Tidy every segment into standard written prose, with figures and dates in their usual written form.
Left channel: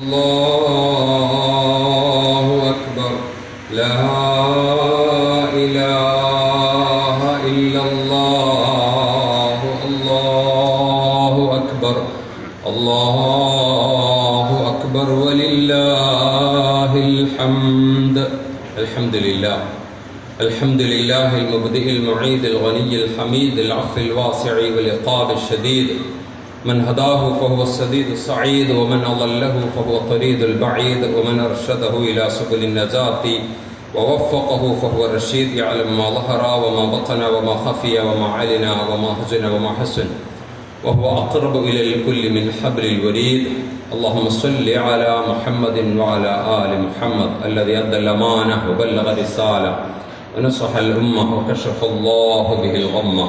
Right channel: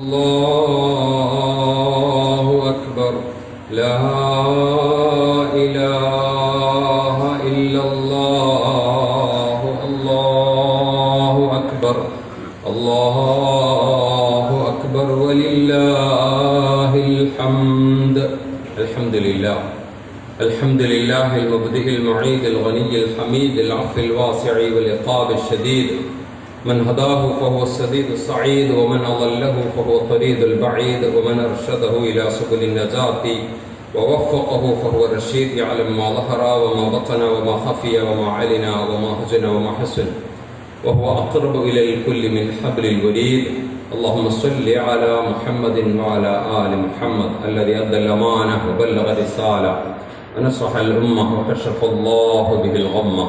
الله أكبر لا إله إلا الله الله أكبر الله أكبر ولله الحمد الحمد لله الحمد لله المبدئ المعيد الغني الحميد العفو الواسع والعقاب الشديد من هداه فهو السديد السعيد ومن أضله فهو الطريد البعيد ومن أرشده إلى سبل النجاة ووفقه فهو الرشيد يعلم ما ظهر وما بطن وما خفي وما علن وما هزن وما حسن وهو أقرب إلى الكل من حبل الوريد. اللهم صل على محمد وعلى آل محمد الذي أدى الأمانة وبلغ الرسالة ونصح الأمة وكشف الله به الغمة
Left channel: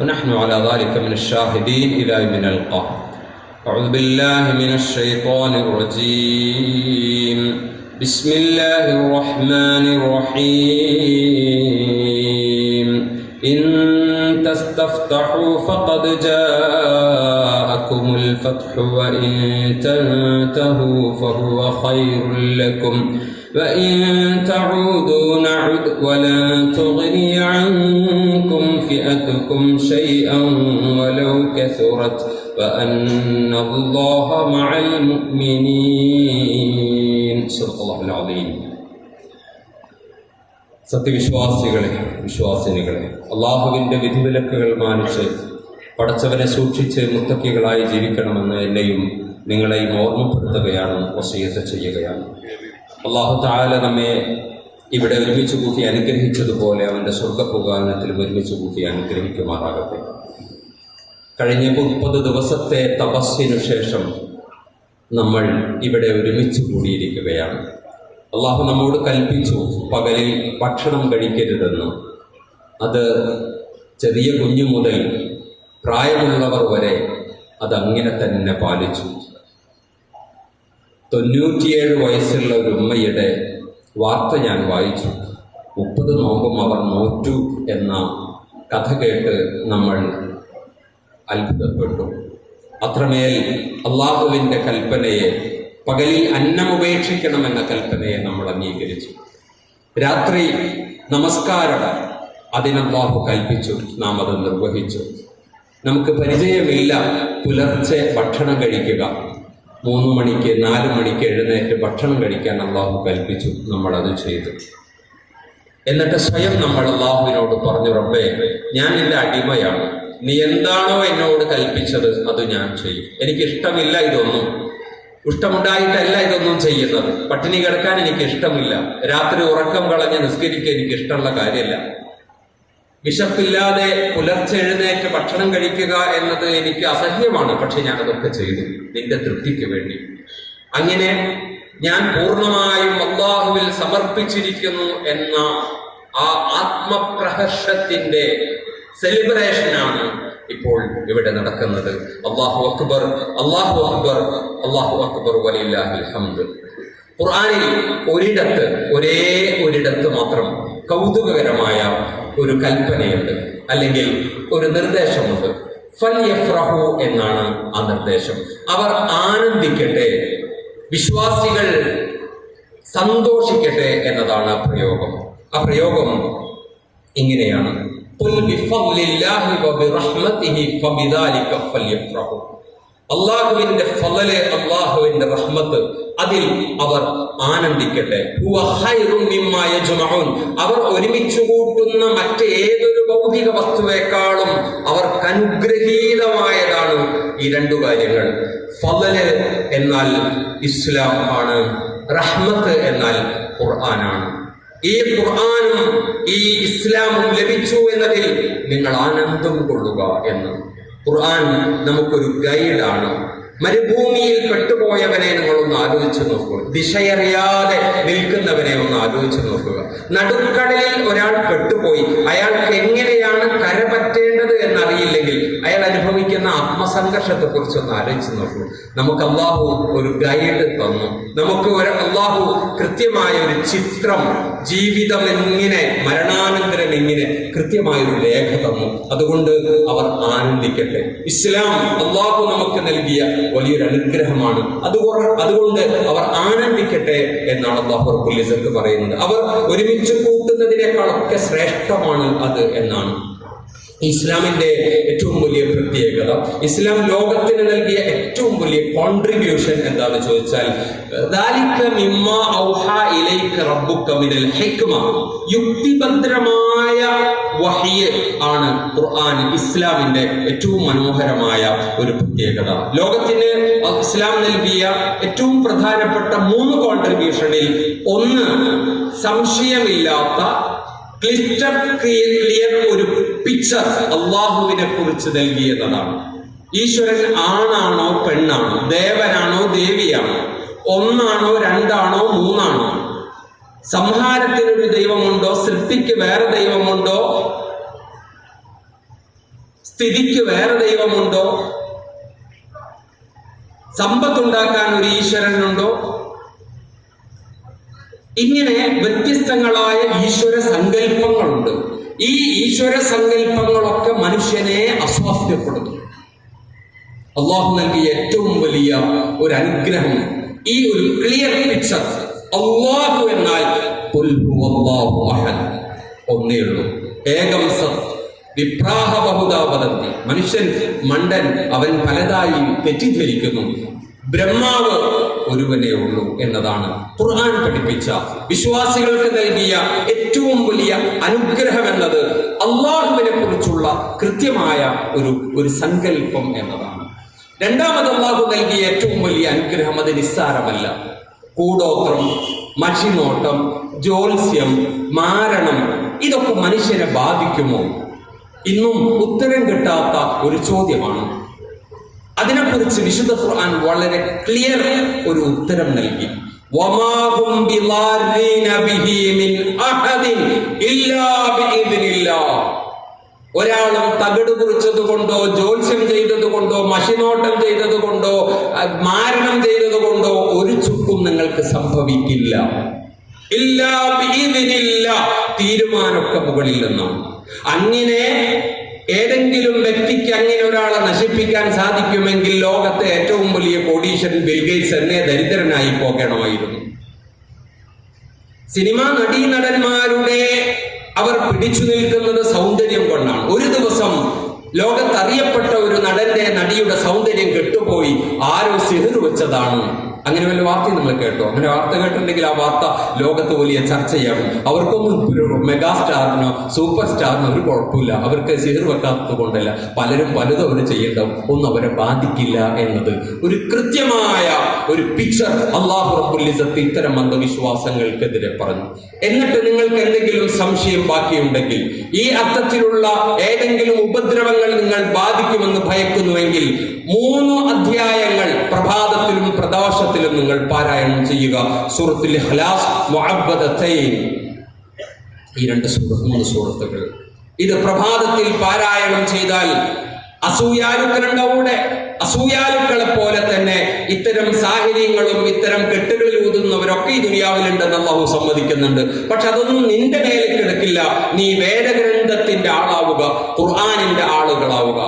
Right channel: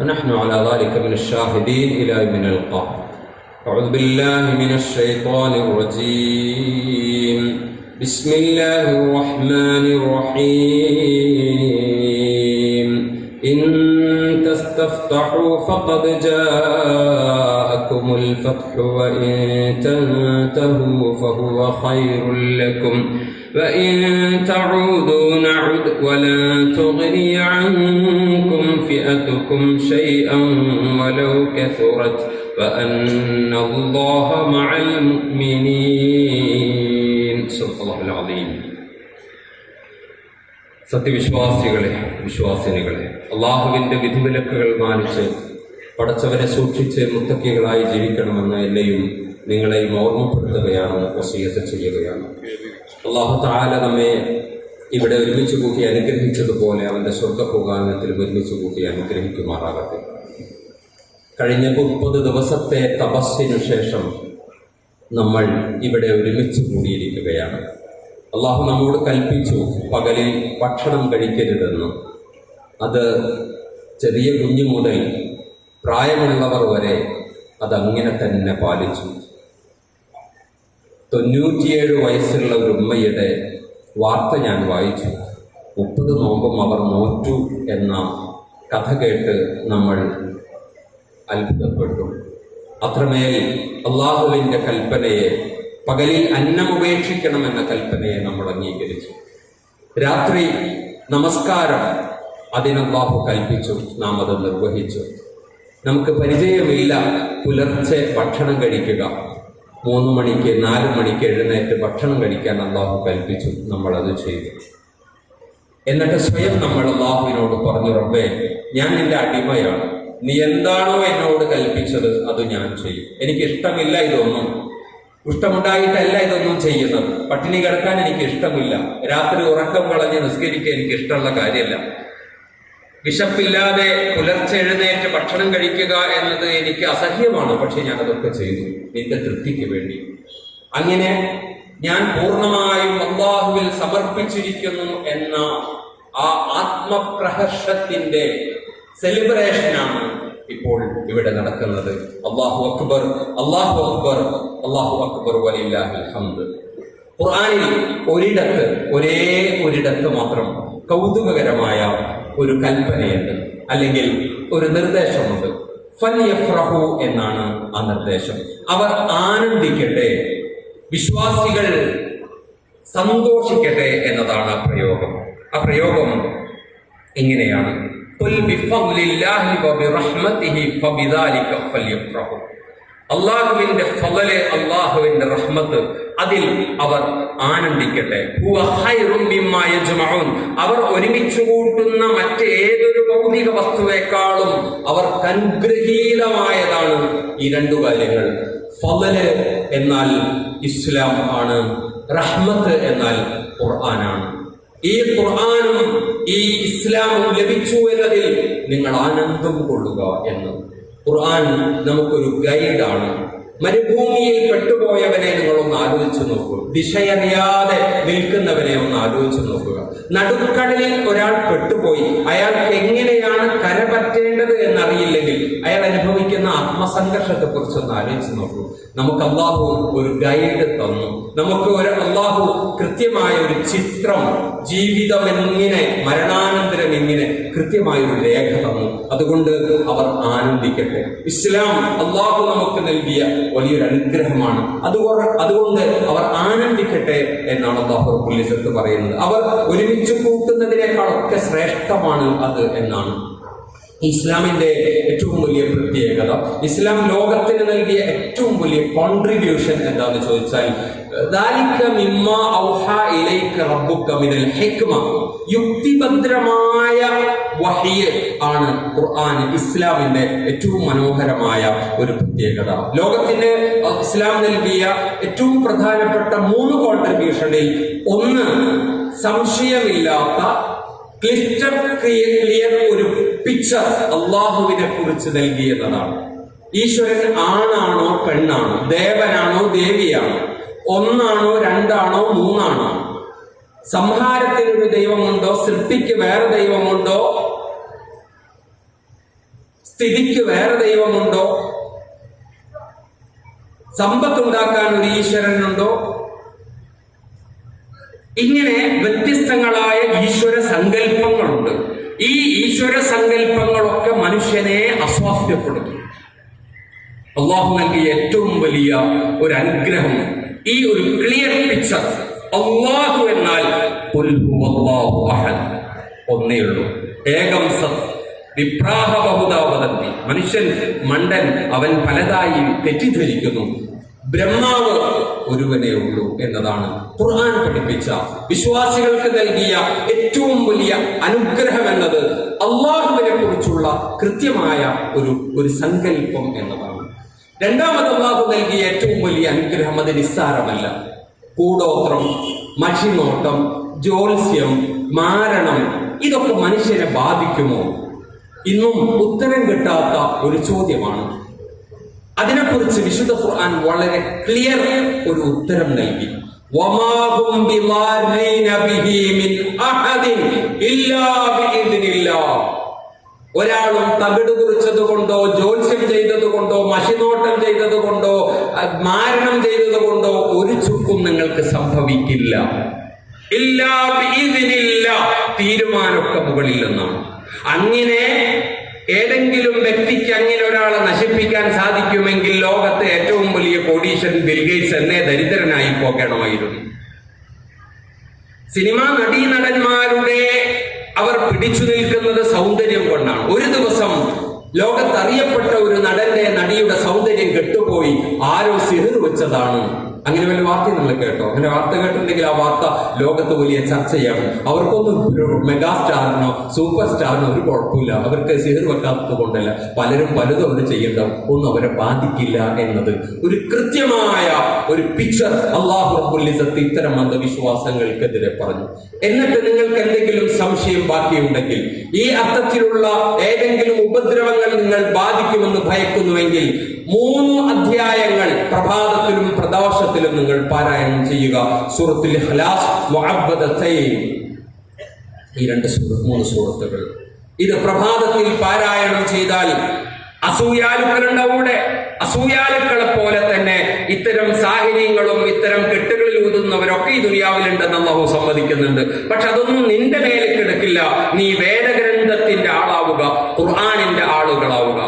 ونحن على ذلك من الشاهدين إلى يوم نلقاه. أعوذ بالله من الشيطان الرجيم. بسم الله الرحمن الرحيم. إن تستفتحوا فقد جاءكم الفتح وإن تنتهوا فهو خير لكم وإن تعودوا نعد ولن تغني عنكم فئتكم شيئا ولو كثرت وأن الله مع المؤمنين. صدق الله العظيم. സത്യവിശ്വാസികളെ, വിശ്വാസിനികളെ, അള്ളാഹുവിൻ്റെ വിധിവിലക്കുകൾ മാനിച്ച് പടച്ചവനെ സൂക്ഷിച്ച് മുത്തക്കികളായി ജീവിക്കണമെന്ന് എന്നെയും നിങ്ങളെയും ഓർമ്മപ്പെടുത്തുകയാണ്, വസിയത്ത് ചെയ്യുകയാണ്. അള്ളാഹു തആല നമ്മെ ഇവിടെ ഒരുമിച്ച് കൂട്ടി അനുഗ്രഹിച്ചതുപോലെ അവൻ്റെ സ്വർഗ്ഗപ്രകാരത്തിൽ ഒരുമിച്ച് കൂട്ടി അനുഗ്രഹിക്കുമാറാകട്ടെ. കഴിഞ്ഞ 30 ദിവസത്തെ തപസ്സിനു ശേഷം നമ്മൾ ഇവിടെ ഒരുമിച്ച് കൂടിയിരിക്കുകയാണ്. അള്ളാഹു നമ്മോട് കൽപ്പിച്ചു പകലിൽ ഭക്ഷണം കഴിക്കരുതെന്ന്. അത് ചെറിയ കുഞ്ഞു മുതൽ പ്രായമുള്ളവർ വരെ അതങ്ങനെ തന്നെ പാലിച്ചു. 97 വയസ്സുള്ള ഒരു ഉമ്മയുടെ വാർത്ത ഞാൻ വായിച്ചു. 30 നോമ്പും അവർ നോറ്റു എന്ന കഥ കേട്ട് നമ്മൾ അത്ഭുതപ്പെട്ടു. അത്രമേൽ അള്ളാഹുവിൻ്റെ കൽപ്പനയെ, പകലിൽ അന്നം ഉപേക്ഷിക്കണമെന്ന കൽപ്പനയെ നമ്മൾ അംഗീകരിച്ചു. രാത്രി നമസ്കാരം അതിന് അല്ലാഹു കൽപ്പിച്ചു, നാം അത് നിർവഹിച്ചു. നമുക്ക് പരിചയമില്ല പുലർച്ചെ ഭക്ഷണം കഴിക്കുക. 3 മണിക്ക് 4 മണിക്ക് എഴുന്നേറ്റ് ഭക്ഷണം കഴിക്കാൻ അല്ലാഹു കൽപ്പിച്ചു, നമ്മളത് ചെയ്തു. എന്നിട്ട് സ്വയം നമ്മൾ അല്ലാഹുവിനോട് പറഞ്ഞു, റബ്ബേ, ഞാൻ നിന്റെ അടിമയാണ്, നീ എന്താണോ എന്നോട് കൽപ്പിച്ചത് അത് ഞാൻ ചെയ്യും. എനിക്കിഷ്ടമില്ല ഇതൊന്നും, ഇഷ്ടമുണ്ടായിട്ടല്ല ഇതൊന്നും ചെയ്യുന്നത്. പട്ടിണി കിടക്കാൻ എനിക്ക് ഇഷ്ടമില്ല, രാത്രി ഉറക്കം കളഞ്ഞ് നിസ്കരിക്കാൻ എനിക്ക് ഇഷ്ടമുള്ള കാര്യമല്ല, വിശപ്പില്ലാതെ പുലർച്ചെ എഴുന്നേറ്റ് ഭക്ഷണം കഴിക്കുക എന്നത് എനിക്ക് അസഹ്യമാണ്. പക്ഷെ ഞാനതൊക്കെ ചെയ്തു നിന്റെ തൃപ്തിക്ക് വേണ്ടി. അങ്ങനെ ഞാൻ പൂർണ്ണമായും അല്ലാഹുവിൽ സമർപ്പിച്ചിരിക്കുന്നു എന്ന ആ ആത്മപ്രഹർഷത്തിന്റെ സെലിബ്രേഷനാണ് ഇപ്പോൾ ഇവിടെ നടക്കുന്നത്. അല്ലാഹു അക്ബർ, അല്ലാഹു അക്ബർ, അല്ലാഹു അക്ബർ വലില്ലാഹിൽ ഹംദ്. ഖുർആനിൽ ഒരേ ഒരിടത്ത് മാത്രം കൗതുകകരമായ ഒരു കൽപ്പനയുണ്ട്, അല്ലെങ്കിൽ ഒരു നിർദ്ദേശമുണ്ട്. ഫൽയഫ്റഹു എന്നാണ് ആ നിർദ്ദേശം. അവർ ആനന്ദിക്കട്ടെ, വിശ്വാസികൾ സന്തോഷിക്കട്ടെ എന്നതാണ് ആ പ്രയോഗം. ആ പ്രയോഗം ഇങ്ങനെയാണ്: ഖുൽ ബിഫദ്ലില്ലാഹി വബിറഹ്മതിഹി ഫബിദാലിക ഫൽയഫ്റഹു. അല്ലാഹുവിന്റെ ഫളല്, അല്ലാഹുവിന്റെ റഹ്മത്ത്, അതിൽ അവർ ആനന്ദിക്കട്ടെ. ഹുവ ഖൈറും മിമ്മാ യജ്മഊൻ. അവർ ഒരുമിച്ച് കൂട്ടുന്ന മറ്റേതൊരു ഭൗതിക വസ്തുവേക്കാളും അവർക്ക് അനുഗ്രഹീതമായതാണ് ഈ 2 കാര്യങ്ങൾ. ഫളല് എന്നാൽ ഇസ്ലാം ആണ്, റഹ്മത്ത് എന്നാൽ ഖുർആനാണ്. ഈ ഖുർആനും ഈ ഇസ്ലാമും ലഭിച്ചു എന്നതിൽ നിങ്ങൾ ആനന്ദം കൊള്ളുക എന്ന്. ഖുർആൻ നമുക്കൊരു ഗൈഡാണ്. മരുഭൂമിയിൽ പെട്ടുപോയവനെ നിങ്ങളൊന്ന് ആലോചിച്ച് നോക്കുക. ദിശയറിയാതെ നിൽക്കുന്നവനെ ഒന്ന് ആലോചിച്ച് നോക്കുക. നടുക്കടലിൽ ഒരാൾ പെട്ടുപോയി, അയാൾക്ക് എങ്ങനെയാണ് കരപറ്റേണ്ടത് എന്നറിയില്ലെങ്കിൽ അയാൾ അനുഭവിക്കുന്ന ആത്മസംഘർഷത്തെ കുറിച്ച് ഒന്ന് ആലോചിച്ച് നോക്കൂ. നമുക്ക് അല്ലാഹു ഒരു ഗൈഡ് തന്നു, നമുക്ക് അല്ലാഹു കൃത്യമായ ഒരു ചിത്രം, ജീവിതം എങ്ങനെ, മരണാനന്തരം എങ്ങനെ, കൃത്യമായൊരു രേഖ തന്നു. അതുകൊണ്ട് അവർ ആനന്ദിക്കട്ടെ. ഇസ്ലാം അല്ലാഹു നമുക്ക് നൽകിയ വലിയൊരു അനുഗ്രഹമാണ്. അതുകൊണ്ട് എന്നാണ് അല്ലാഹു റബ്ബുൽ ഇസ്സത്ത് പറയുന്നത്. അവർ ഒരുമിച്ച് കൂട്ടുന്നതിനേക്കാളൊക്കെ ശ്രേഷ്ഠമാണ് അത് എന്നാണ്. ഇസ്ലാമിന്റെ ഏറ്റവും വലിയ പ്രത്യേകത, ഇസ്ലാം ലോകത്തിന് നൽകിയ ഏറ്റവും വലിയ കോൺട്രിബ്യൂഷൻ എന്താണെന്ന് ചോദിച്ചാൽ, യുക്തിഭദ്രമായ വഹ്യ് ആണ് ഖുർആൻ. ഇസ്ലാമിന്റെ ഏറ്റവും മനോഹരമായ ഒരു പ്രത്യേകത. ലോകത്തിന് ഇസ്ലാം നൽകിയ ഏറ്റവും പ്രധാനപ്പെട്ട 3 കോൺട്രിബ്യൂഷനിൽ ഒന്ന്, സംശയമില്ലാത്ത ക്ലിയർ ഒരു പിക്ചർ അള്ളാഹുവിനെ കുറിച്ച് നൽകിയതാണ്. ഈശ്വരൻ ആണാണോ പെണ്ണാണോ, ദേവനാണോ ദേവിയാണോ, ഒന്നാണോ രണ്ടാണോ മൂന്നാണോ, സംഹാരത്തിനൊരു ദൈവമുണ്ടോ, സൃഷ്ടിക്ക് വേറെ ദൈവമുണ്ടോ, സ്ഥിതിക്ക് വേറെ ദൈവമുണ്ടോ, സമ്പത്തുണ്ടാക്കാൻ ഒരു ഈശ്വരനുണ്ടോ, ഇങ്ങനെ വ്യത്യസ്തങ്ങളായ ഈശ്വര സങ്കല്പങ്ങളുണ്ട്. ഈ ഈശ്വര സങ്കല്പങ്ങളൊക്കെ മനുഷ്യനെ അസ്വാസ്ഥ്യപ്പെടുത്തും. അള്ളാഹു നൽകിയ ഏറ്റവും വലിയ ഒരു അനുഗ്രഹം ഈ ഒരു ക്ലിയർ പിക്ചർ. അള്ളാഹു എന്നാൽ ഒന്നേ ഉള്ളൂ, ഏകം സത് വിപ്രാഹ ബഹുദാ വദന്തി. മനുഷ്യൻ മണ്ടൻ, അവൻ പലതായി തെറ്റിദ്ധരിക്കുന്നു. ബ്രഹ്മാവ് ഒരുവനേ ഉള്ളൂ എന്നതാണ് ഖുർആൻ പഠിപ്പിച്ച, വിശ്വാസികൾക്ക് നൽകിയ ഏറ്റവും വലിയ അനുഗ്രഹം എന്നത് അള്ളാഹുവിനെ കുറിച്ചുള്ള കൃത്യമായ ഒരു സങ്കല്പം എന്നതാണ്. രണ്ടാമത് അള്ളാഹു നൽകിയ ഏറ്റവും വലിയ അനുഗ്രഹം അത് നിസ്സാരമല്ല. കൂടോത്രം, മഷിനോട്ടം, ജ്യോത്സ്യം, മാരണം, ഇതൊക്കെ മനുഷ്യനെ ബാധിക്കുമോ? ഇന്നും ഉത്തരം കിട്ടാത്ത ഒരു ചോദ്യമാണ്. അതിനെക്കുറിച്ച് വിശുദ്ധ ഖുർആൻ വളരെ ക്ലിയർ ഒരു ഉത്തരം നൽകി. ഒരാളും തകിട് കുറിച്ചത് കൊണ്ടോ, ജ്യോത്സ്യം ചെയ്തത് കൊണ്ടോ, മഷിനോട്ടം ചെയ്തത് കൊണ്ടോ, മാരണം ചെയ്തത് കൊണ്ടോ ഒരു ചുക്കും നിങ്ങൾക്ക് സംഭവിക്കില്ല. ഇല്ലാ ബിഇദ്നില്ല, തീരുമാനമൊക്കെ മുകളിൽ നിന്നാണ്. അങ്ങനെ ഏതെങ്കിലും വ്യക്തിക്ക് അങ്ങനെ ഒരാളെ നശിപ്പിക്കാൻ സാധിക്കുമെങ്കിൽ ലോകത്തെ ഏറ്റവും വലിയ കോടീശ്വരൻ ബിൽഗേറ്റ്സ് എന്നെ ദരിദ്രനായി പോകണമായിരുന്നു. സിനിമാ നടീനടന്മാരുടെ അവർ പിടിച്ചു നിൽക്കുന്നത് സൗന്ദര്യം കൊണ്ടാണ്. ഒരു ദിവസം ലോകത്തറിയപ്പെട്ട ഒരു നടിയുടെ സൗന്ദര്യം കെട്ടുപോയി, ആരോ സിഹർ വെച്ചതാണ്. അങ്ങനെ വലിയ വാർത്ത നിങ്ങൾ കേട്ടോ? അങ്ങനെ വാർത്ത കേട്ടിട്ടുണ്ടെങ്കിൽ ആ വാർത്ത ലോകത്ത് വലിയ ചർച്ചയാകും. അവർക്കൊന്നും മെഗാസ്റ്റാറിനോ സൂപ്പർ സ്റ്റാറിനോ ഒരു കുഴപ്പമില്ല, അവർക്ക് സിഹർ വെക്കാത്തത് കൊണ്ടല്ല, പലരും പലതും അവർ ചെയ്യേണ്ടത് ഒന്നും അവരെ ബാധിക്കില്ല എന്നത് ഒരു കൃത്യമായ ഒരു പിക്ചർ അല്ലാഹു റബ്ബുൽ ഇസ്സത്ത് ഇത്തരം അന്ധവിശ്വാസങ്ങൾക്കെതിരെ പറഞ്ഞു. എന്നിട്ട് നിങ്ങൾക്ക് എന്തെങ്കിലും സംശയം ബാക്കിയുണ്ടെങ്കിൽ, ഈ അർത്ഥത്തിലുള്ള ഏതെങ്കിലും ഉപദ്രവങ്ങൾ നിങ്ങൾ ബാധിക്കുമെന്ന് ഭയക്കുന്നുവെങ്കിൽ 3 അധ്യായങ്ങൾ പ്രഭാതത്തിലും പ്രദോഷത്തിലും നിങ്ങൾ പാരായണം ചെയ്യുക. സൂറത്തുൽ ഇഖ്ലാസ്, മുഅവ്വദതൈൻ, ഈ 3 സൂറത്തുകൾ ഇത് പ്രഭാതത്തിൽ പാരായണം ചെയ്താൽ അസൂയാലുക്കളെ പോലെ തന്നെ ഇത്തരം സാഹചര്യങ്ങളും ഇത്തരം കെട്ടുകളിൽ ഊതുന്നവരൊക്കെ ഈ ദുനിയാവിലുണ്ടെന്ന് അല്ലാഹു സമ്മതിക്കുന്നുണ്ട്. പക്ഷെ അതൊന്നും നിന്റെ മേലെ കിടക്കില്ല. നീ വേദഗ്രന്ഥത്തിന്റെ ആളാവുക, ഖുർആനിന്റെ ആളുകളാവുക.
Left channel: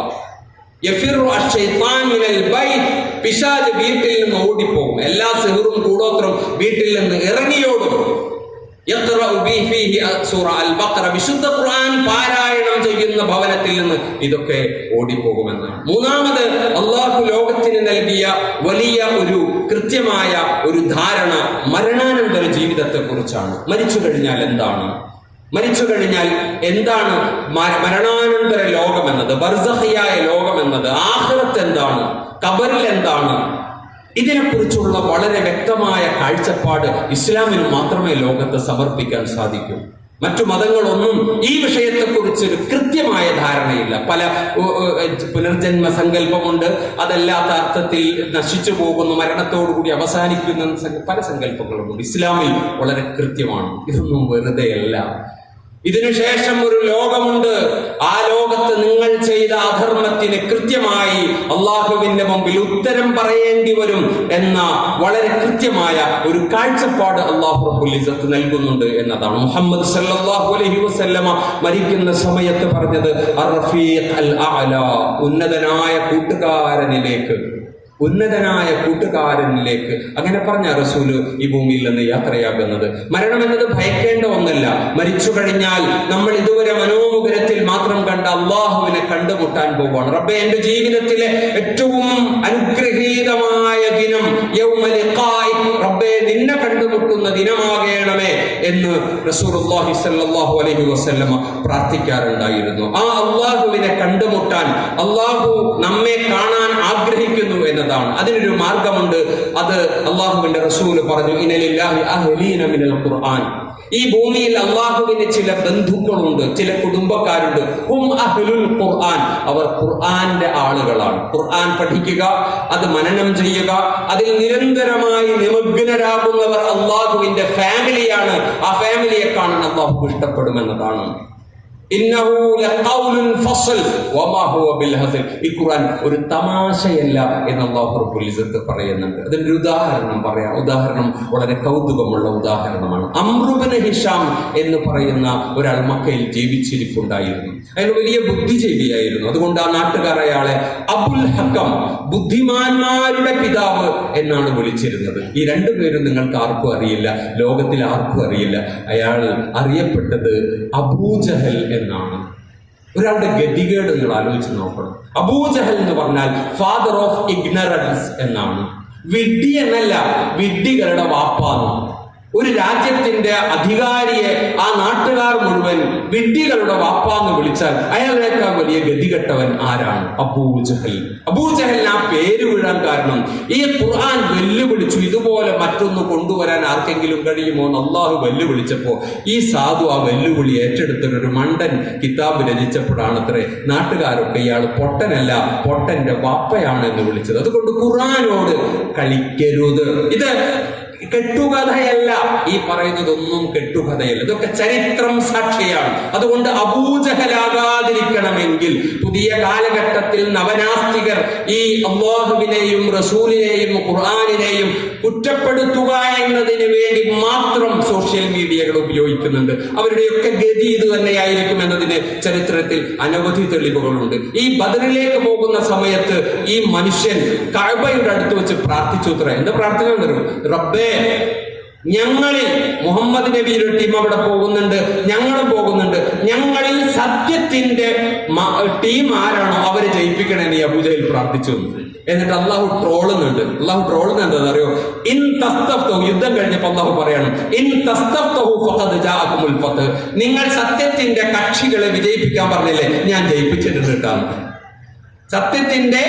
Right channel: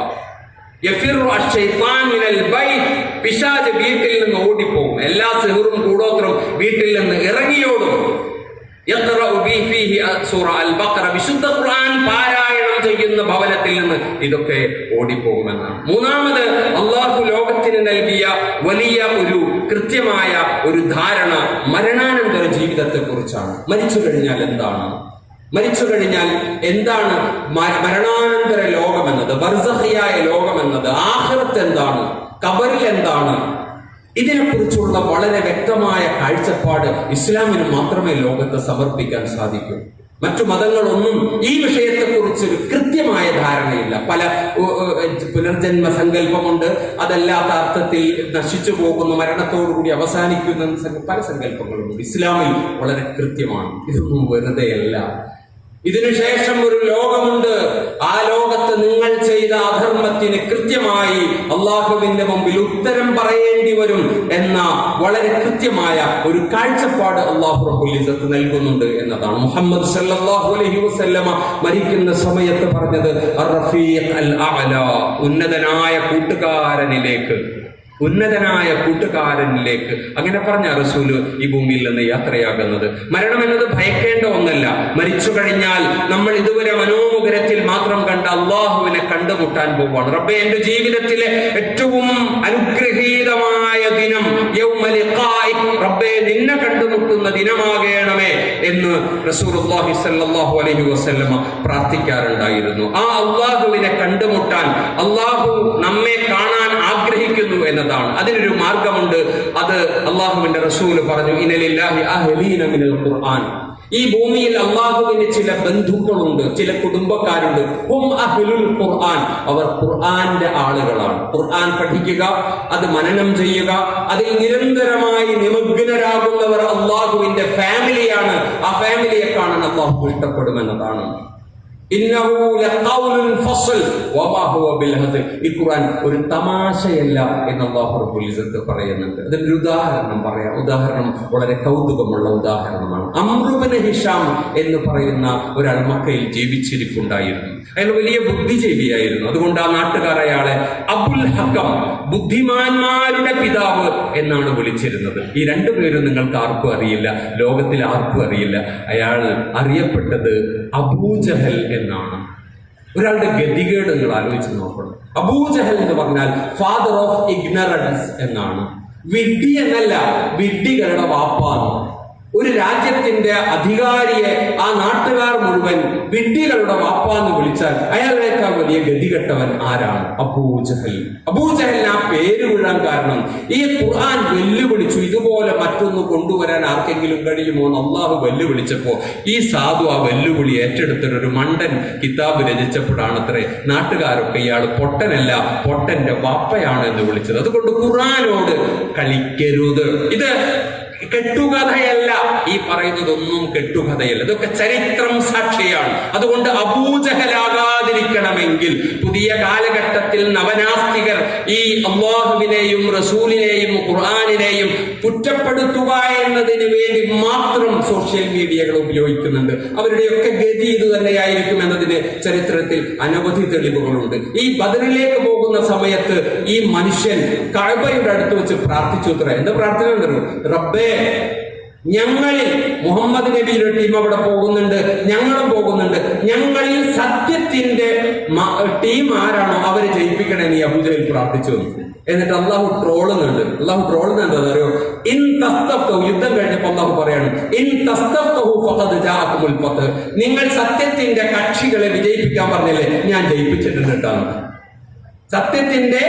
പിശാച് വീട്ടിൽ നിന്ന് ഓടിപ്പോകും. എല്ലാ സിഹറും കൂടോത്രം വീട്ടിൽ നിന്ന് ഇറങ്ങിയോടും. വിശുദ്ധ ഖുർആൻ പാരായണം ചെയ്യുന്ന ഭവനത്തിൽ നിന്ന് ഇതൊക്കെ ഓടിപ്പോകുമെന്നാണ്. മൂന്നാമത് അള്ളാഹു ലോകത്തിന് നൽകിയ വലിയ ഒരു കൃത്യമായ ഒരു ധാരണ മരണാനന്തര ജീവിതത്തെ കുറിച്ചാണ്. മരിച്ചു കഴിഞ്ഞാൽ എന്താണ്, മരണാനന്തര ലോകമെന്നത്, ബർസഖിയായ ലോകമെന്നത്, ആഖിറത്ത് എന്താണ്, ഖബറിൽ എന്താണ്, ഇതിനെക്കുറിച്ചുള്ള വളരെ വ്യക്തമായ കാഴ്ചപ്പാട് ഇസ്ലാമിന് മാത്രമേ ലോകത്ത് സമർപ്പിക്കാൻ സാധിക്കൂ. മറ്റു മതങ്ങളൊന്നും ഈ വിഷയത്തെക്കുറിച്ച് ഒരു കൃത്യമായ ധാരണയില്ല. പല പുനർജന്മ സങ്കല്പമുണ്ട്, അതല്ലാത്ത അർത്ഥത്തിൽ നശിച്ചു പോകുന്ന, മരണത്തോടുകൂടി അവസാനിക്കുന്ന പല സങ്കല്പങ്ങളുമുണ്ട്. ഇസ്ലാമിൽ വളരെ കൃത്യമാണ്. ഇതൊന്നും വെറുതെയല്ല. ഇതിനുശേഷം ഒരു ലോകമുണ്ട്. ആ ലോകത്ത് നിങ്ങൾ ചെയ്ത അധർമ്മത്തിന് കൃത്യമായി അള്ളാഹുവിന്റെ മുമ്പിൽ ഉത്തരം പറയേണ്ടി വരും എന്ന വളരെ കൃത്യമായ ഒരു കാഴ്ചപ്പാട് അല്ലാഹു റബ്ബുൽ ഇസ്സത്ത് നൽകുന്നുണ്ട് എന്നതാണ്. മുഹമ്മദ് സല്ലല്ലാഹു അലൈഹി വസല്ലമ മരിക്കുന്ന സമയത്ത് പറഞ്ഞത് അർ-റഫീഖ് അൽ അഅല, ഉന്നതനായ കൂട്ടുകാരനിലേക്ക്. ഉന്നതനായ കൂട്ടുകാരനിലേക്ക്. അങ്ങനെ പറഞ്ഞ റസൂല് ഈ ഭൂമിയിൽ നിന്ന് യാത്രയാകുന്നത്. മരണം എന്നത് ഭയക്കേണ്ട ഒന്നല്ല. മരിച്ചു കഴിഞ്ഞാൽ നമ്മൾ ഇതുവരെ മനോമുഖരത്തിൽ മാത്രം കണ്ട അള്ളാഹുവിനെ കണ്ടുമുട്ടാൻ പോവുകയാണ്. റബ്ബേ, എന്റെ ജീവിതത്തിലെ ഏറ്റവും അനുഗ്രഹീതമായ ദിനം യൗമ ലിഖാഇക്, റബ്ബേ നിന്നെ കണ്ടുമുട്ടുന്ന ദിനമാകണമേ എന്ന് റസൂലുള്ളാഹി സ്വല്ലല്ലാഹു അലൈഹി വസല്ലമ പ്രാർത്ഥിക്കാറുണ്ടായിരുന്നു. ആ അള്ളാഹുവിനെ കണ്ടുമുട്ടാൻ അള്ളാഹു നമ്മെ കാണാൻ ആഗ്രഹിക്കുന്നു എന്നതാണ്. അതിനൊരു മാർഗമുണ്ട്. അത് അള്ളാഹുവിന്റെ റസൂല് പറഞ്ഞു, ഇന്നലില്ലാഹി അഹ്ലീന മിനൽ ഖുർആൻ. ഈ ഭൂമിയിൽ അള്ളാഹുവിന് ചില ബന്ധുക്കളുണ്ട്, ചില കുടുംബക്കാരുണ്ട്. ഹും അഹ്ലുൽ ഖുർആൻ, അവർ ഖുർആന്റെ ആളുകളാണ്. ഖുർആൻ പഠിക്കുക, അത് മനനം ചെയ്യുക, അതിൽ നിരന്തരമായി നിമഗ്നരാകുന്നവർ അള്ളാഹുവിന്റെ ഫാമിലിയാണ്. ആ ഫാമിലിയെ കാണാൻ അള്ളാഹു ഇഷ്ടപ്പെടുമെന്നതാണ്. ഇന്നഹു ലഖൗലുൻ ഫസ്ൽ വമാ ഹുവ ബിൽ ഹസ്ൽ. ഈ ഖുർആൻ ഒരു തമാശയല്ല എന്ന് അല്ലാഹു റബ്ബുൽ ഇസ്സത്ത് പറയുന്നുണ്ട്. അതിന്റെ ഉദാഹരണം പറയാം. ഉദാഹരണം വളരെ കൗതുകമുള്ള ഉദാഹരണമാണ്. അംർ ഇബ്നു ഹിഷാം എന്ന് പറയുന്ന ഒരാൾ മക്കയിൽ ജീവിച്ചിരിപ്പുണ്ടായിരുന്നു. അയാൾ വലിയ ബുദ്ധിജീവിയായിരുന്നു. അതുകൊണ്ട് ആ നാട്ടുകാർ അയാളെ അബുൽ ഹക്കം, ബുദ്ധിമാന്മാരുടെ പിതാവ് എന്നാണ് വിളിച്ചിരുന്നത്. ഈ രണ്ടുപേരും നിങ്ങൾക്ക് ആർക്കും അറിയില്ല, ലോകത്തിൽ ആർക്കും അറിയില്ല. അയാൾ അറിയപ്പെട്ടത് അബൂജഹൽ എന്നാണ്. ഒരാളുടെ ഗതികേട് നിങ്ങൾ ആലോചിച്ച് നോക്കണം. അബൂജഹൽ എന്ന് പറഞ്ഞാൽ ഫാദർ ഓഫ് ഇഗ്നറൻസ് എന്നാണ്. വിഡ്ഢി എന്നല്ല, വിഡ്ഢികളുടെ വാപ്പാണ്. ഒരു രാജ്യത്തിന്റെ അധികാരിയെ ആ നാട്ടുകാർ മുഴുവൻ വിഡ്ഢികളുടെ വാപ്പാന്ന് വിളിച്ചാൽ അയാളേക്കാൾ വലിയ ഗതികെട്ടവൻ ആരാണ്? അബൂജഹൽ. അബൂജഹലിന് ആ പേര് വീഴാൻ കാരണം ഈ ഖുർആൻ വെല്ലുവിളിച്ചു. ഇതുപോലെ മറ്റൊന്ന് കൊണ്ടുവരാൻ ആർക്കെങ്കിലും കഴിയുമോ എന്ന് അള്ളാഹു വെല്ലുവിളിച്ചപ്പോ ഈ സാധു ആ വെല്ലുവിളി ഏറ്റെടുത്തിട്ട് ഒരു മണ്ടൻ കിതാബ് രചിച്ചപ്പോഴാണത്രേ നാട്ടുകാരൊക്കെ ഇയാൾ പൊട്ടനല്ല, പൊട്ടന്റെ വാപ്പയാണ് എന്ന് വിളിച്ചത്. അതുകൊണ്ട് ഖുർആനോട് കളിക്കരുത്. ഇത് കെട്ടുകഥയല്ല. ഈ പറയുന്നതൊന്നും കെട്ടുകഥയല്ല, ഇതൊക്കെ ചരിത്രം സാക്ഷിയാണ്. അതുകൊണ്ട് അബൂജഹലാകാതിരിക്കണമെങ്കിൽ പുതിയ കാലഘട്ടത്തിൽ നവനാസ്തികർ ഈ അല്ലാഹുവിനെയും റസൂലിനെയും ഖുർആനിനെയും കുറ്റപ്പെടുത്തുക എന്നതിന് വേണ്ടി മാത്രം സോഷ്യൽ മീഡിയകൾ ഉപയോഗിക്കുന്നുണ്ട്. അവരുടെയൊക്കെ ഗതി ഇത് തന്നെയായിരിക്കും എന്നതിന് ചരിത്രത്തിൽ അനവധി തെളിവുകളുണ്ട്. ഈ ബദറിലേക്ക് പോകുന്ന സമയത്ത് ഈ മനുഷ്യൻ കഅബയുടെ അടുത്ത് വെച്ച് പ്രാർത്ഥിച്ചു. എന്താ പ്രാർത്ഥന? റബ്ബേ, ഞങ്ങളിൽ മുഹമ്മദ് നബിയുടെ ടീം അവിടെ പോകുന്നുണ്ട്, ഞങ്ങളും പോകുന്നുണ്ട്, ഞങ്ങളിൽ സത്യത്തിന്റെ ടീം ആരാണോ അവരെ ജയിപ്പിക്കണേ നീ അബൂജഹൽ പ്രാർത്ഥിച്ചു. എന്നിട്ട് അള്ളാഹു ട്രോളുന്നുണ്ട്. അള്ളാഹു ട്രോളുന്നുണ്ട് അറിയോ? ഇൻ തസ്തഫ്തഹു, യുദ്ധം കഴിഞ്ഞപ്പോൾ അള്ളാഹു പറയാണ്, ഇൻ തസ്തഫ്തഹു ഫഖദ് ജാഅകുമുൽ ഫത്ഹ്. നിങ്ങൾ സത്യത്തിന്റെ കക്ഷികളെ വിജയിപ്പിക്കാൻ പറഞ്ഞില്ലേ, ഞാൻ ജയിപ്പിച്ചിട്ടുണ്ട് കേട്ടാണ്. സത്യത്തിന്റെ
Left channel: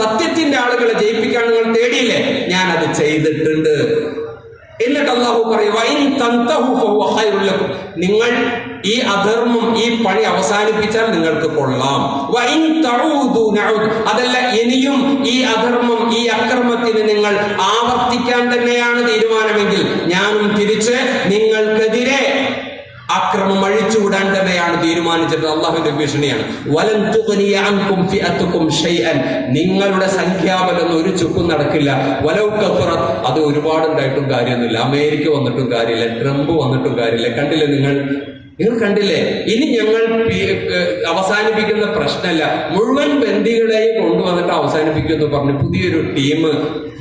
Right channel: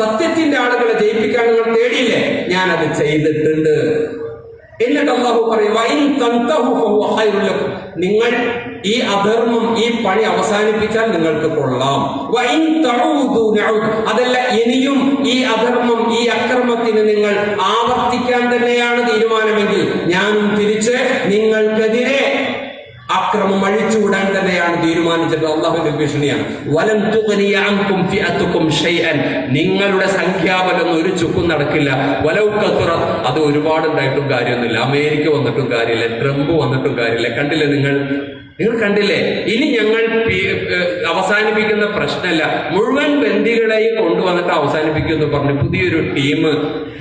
സത്യത്തിന്റെ ആളുകളെ ജയിപ്പിക്കാൻ നിങ്ങൾ തേടിയില്ലേ, ഞാൻ അത് ചെയ്തിട്ടുണ്ട്. എന്നിട്ട് അല്ലാഹു പറയും, നിങ്ങൾ ഈ അധർമ്മം, ഈ പണി അവസാനിപ്പിച്ചാൽ നിങ്ങൾക്ക് കൊള്ളാം. അതല്ല, ഇനിയും ഈ അധർമ്മം, ഈ അക്രമത്തിന് നിങ്ങൾ ആവർത്തിക്കാൻ തന്നെയാണ് തീരുമാനമെങ്കിൽ ഞാനും തിരിച്ച് നിങ്ങൾക്കെതിരെ അക്രമം അഴിച്ചുവിടാൻ തന്നെയാണ് തീരുമാനിച്ചത്. അള്ളാഹുവിന്റെ ഭീഷണിയാണ്. വലൻ തുഗ്നിയ അൻകും ഫിഅതുകും ഷൈഅൻ, നിങ്ങളുടെ സംഖ്യാബലൊന്നും ഒരു ചുക്കും നടക്കില്ല. വലൗ കസറത്, അത് ഒരുപാടുണ്ടായിട്ടും കാര്യമൊന്നുമില്ല. അമേരിക്ക വന്നിട്ടും കാര്യമില്ല, ട്രംപ് വന്നിട്ടും കാര്യമില്ല. കണ്ടില്ലേ നിങ്ങൾ കണ്ടില്ലേ? ഇനി ഞങ്ങൾ അവസാനിപ്പിക്കുന്ന പ്രശ്നമല്ല, മുഴുവൻ ബന്ദികളെയും കൊണ്ടുവന്നിട്ട് അവസാനിപ്പിക്കുമെന്ന് പറഞ്ഞ് പുതിയൊരു ടീം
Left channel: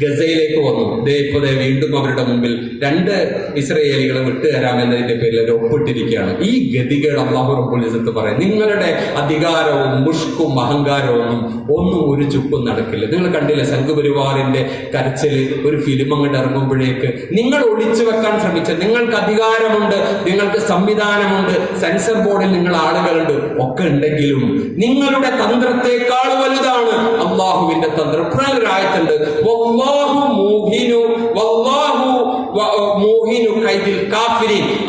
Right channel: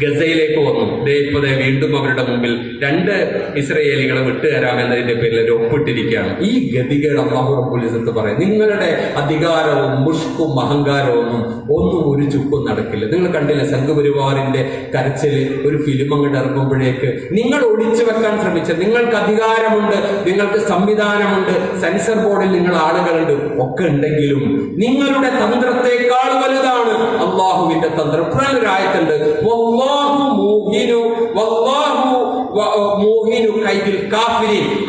ഗസയിലേക്ക് വന്നു. ഇപ്പൊ വീണ്ടും അവരുടെ മുമ്പിൽ 2 ഇസ്രയേലികളെ വിട്ടുതരാമെന്നതിന്റെ പേരിൽ ഒരു ഒപ്പിട്ടിരിക്കുകയാണ്. ഈ ഗതികൾ അല്ലാഹു റബ്ബുൽ ഇസ്സത്ത് പറയും, നിങ്ങളുടെ അധികാരവും മുഷ്കും അഹങ്കാരവും ഒന്നും ഒരു ചുക്കും നടക്കില്ല. നിങ്ങൾ കണ്ടില്ലേ സംഘപരിവാറിന്റെ കരച്ചില്? ഒരു ഫിലിം അങ്ങോട്ട് ഇറങ്ങുമ്പോഴേക്ക് നിങ്ങൾ ഒളിച്ചു വെക്കാൻ ശ്രമിച്ച, നിങ്ങൾക്ക് അധികാരമുണ്ട്, നിങ്ങൾക്ക് സംവിധാനമുണ്ട്, സെൻസർ ബോർഡിൽ നിങ്ങൾ ആളുകളുണ്ട്, ഒക്കെ ഉണ്ടെങ്കിലും നിങ്ങളുടെ തന്ത്രത്തെക്കാൾ വലുതാണ് അള്ളാഹുവിന്റെ തന്ത്രം. ഒരായത്തുണ്ട്,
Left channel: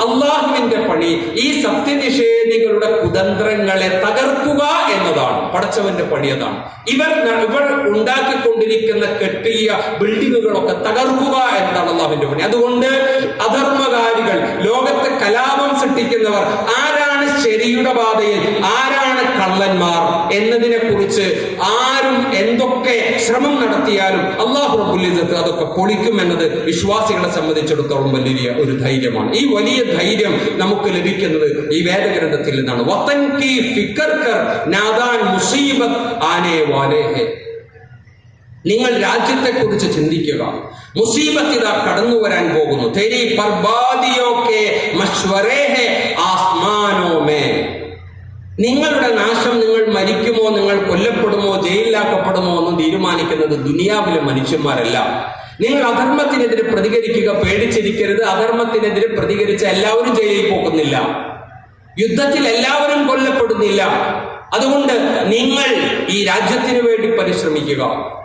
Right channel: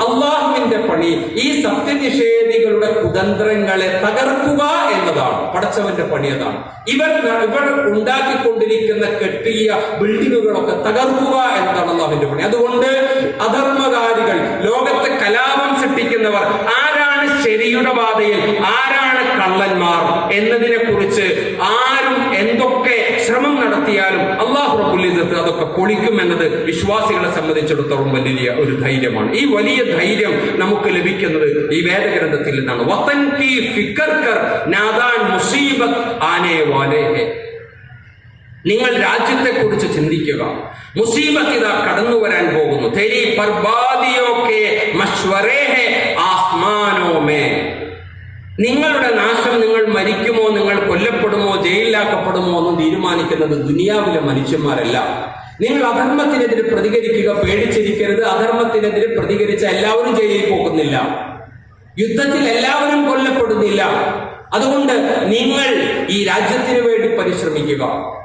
അള്ളാഹുവിന്റെ പണി ഈ സത്യനിഷേധികളുടെ കുതന്ത്രങ്ങളെ തകർക്കുക എന്നതാണ്. പടച്ചവന്റെ പണി അതാണ്. ഇവർ ഉണ്ടാക്കിക്കൊണ്ടിരിക്കുന്ന കെട്ടിയ ബിൽഡിങ്ങുകളൊക്കെ തകർക്കുക എന്നതാണ് അള്ളാഹുവിന്റെ പണി. അതുകൊണ്ട് അധർമ്മകാരികൾ, ലോകത്തെ കലാപം സൃഷ്ടിക്കുന്നവർ, ആരാണ് ശരിയുടെ പാതയിൽ, ആരാണ് കള്ളന്മാർ എന്നതിനെ കുറിച്ച് ആരും എന്തൊക്കെ എന്തൊക്കെ ശ്രമം നടത്തിയാലും അല്ലാഹു റബ്ബുൽ ഇസ്സത്ത് അതൊക്കെ പൊളിക്കുമെന്നത് വിശ്വാസികളെ സംബന്ധിച്ചിടത്തോളം വലിയ ഒരു ധൈര്യമാണ്. ഈ വലിയ ധൈര്യം നമുക്ക് ലഭിക്കുന്നത് ഈ വേദഗ്രന്ഥത്തിൽ നിന്നാണ്. വതൻ കി ഫിക്ർ കർ നാദാൻ മുസീബത്ത് ആനേ വാലേ ഹെ. നിങ്ങൾ രാജ്യത്തെക്കുറിച്ച് ചിന്തിക്കുക, മുസീബത്ത് ഇതാ കടന്നു വരാൻ പോകുന്നു. തെരി ബർബാദിയോ കെ മശ്വറേ ഹെ ആസ്മാനോ മേ. നിങ്ങളുടെ നാശം, നിങ്ങൾ മരിക്കുമോ, നിങ്ങൾ കൊല്ലപ്പെടുമോ, ജയിലിലാക്കപ്പെടുമോ എന്നും തീരുമാനിക്കുന്നത് ദുനിയാവിലെ മനുഷ്യന്മാരല്ല. നിങ്ങൾ അധർമ്മത്തിനെതിരെ പ്രതികരിക്കുക, പേടിച്ചിരിക്കരുത്. അധർമ്മത്തിനെതിരെ പ്രതികരിച്ച എല്ലാവരും ജയിലിൽ പോകുന്നില്ല, യുദ്ധത്തിൽ എല്ലാവരും കൊല്ലപ്പെടുന്നില്ല. അതുകൊണ്ട് നിങ്ങൾ ഈ രാജ്യത്തിന് വേണ്ടി പരിശ്രമിക്കുക,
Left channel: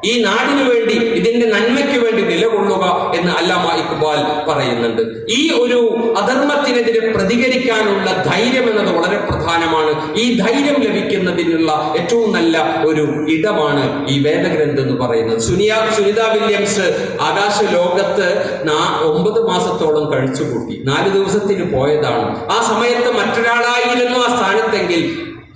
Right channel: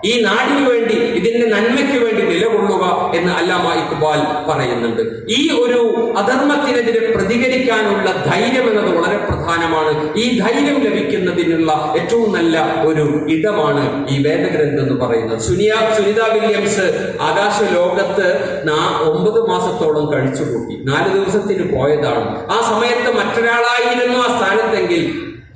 ഈ നാടിനു വേണ്ടി, ഇതിന്റെ നന്മയ്ക്ക് വേണ്ടി നിലകൊള്ളുക എന്ന് അല്ലാമ ഇഖ്ബാൽ പറയുന്നുണ്ട്. ഈ ഒരു അധർമ്മത്തിനെതിരെ പ്രതികരിക്കാനുള്ള ധൈര്യം എന്നത് വളരെ പ്രധാനമാണ്. ഈ ധൈര്യം ലഭിക്കുന്നതിനുള്ള ഏറ്റവും നല്ല ഒരു ഇടമാണ് ഈ വേദഗ്രന്ഥം എന്ന് പറയുന്നത്. സുനിത വില്യംസ് ആകാശ ലോകത്ത് 9 മാസത്തോളം കഴിച്ചുകൂട്ടി. 4 ദിവസത്തിന് പോയതാണ്. ആ സമയത്ത് മറ്റൊരാളായിരുന്നു ആ സ്ഥാനത്തെങ്കിൽ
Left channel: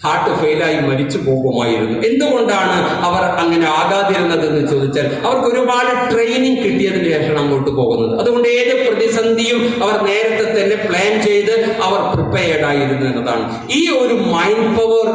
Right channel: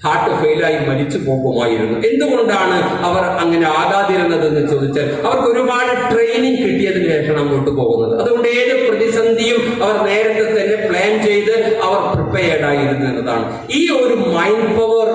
ഹാർട്ട് ഫെയിലായി മരിച്ചു പോകുമായിരുന്നു. എന്തുകൊണ്ടാണ് അവർ അങ്ങനെ ആകാതിരുന്നത് എന്ന് ചോദിച്ചാൽ, അവർക്ക് ഒരുപാട് ട്രെയിനിങ് കിട്ടിയതിന് ശേഷം അങ്ങോട്ട് പോകുന്നത്. അതുകൊണ്ട് ഏത് പ്രതിസന്ധിയും അവർ നേരത്തെ തന്നെ പ്ലാൻ ചെയ്ത് അവർ പ്രിപ്പയർഡ് ആയിരുന്നു എന്നതാണ്. ഈ ഒരു മൈൻഡ് പവർ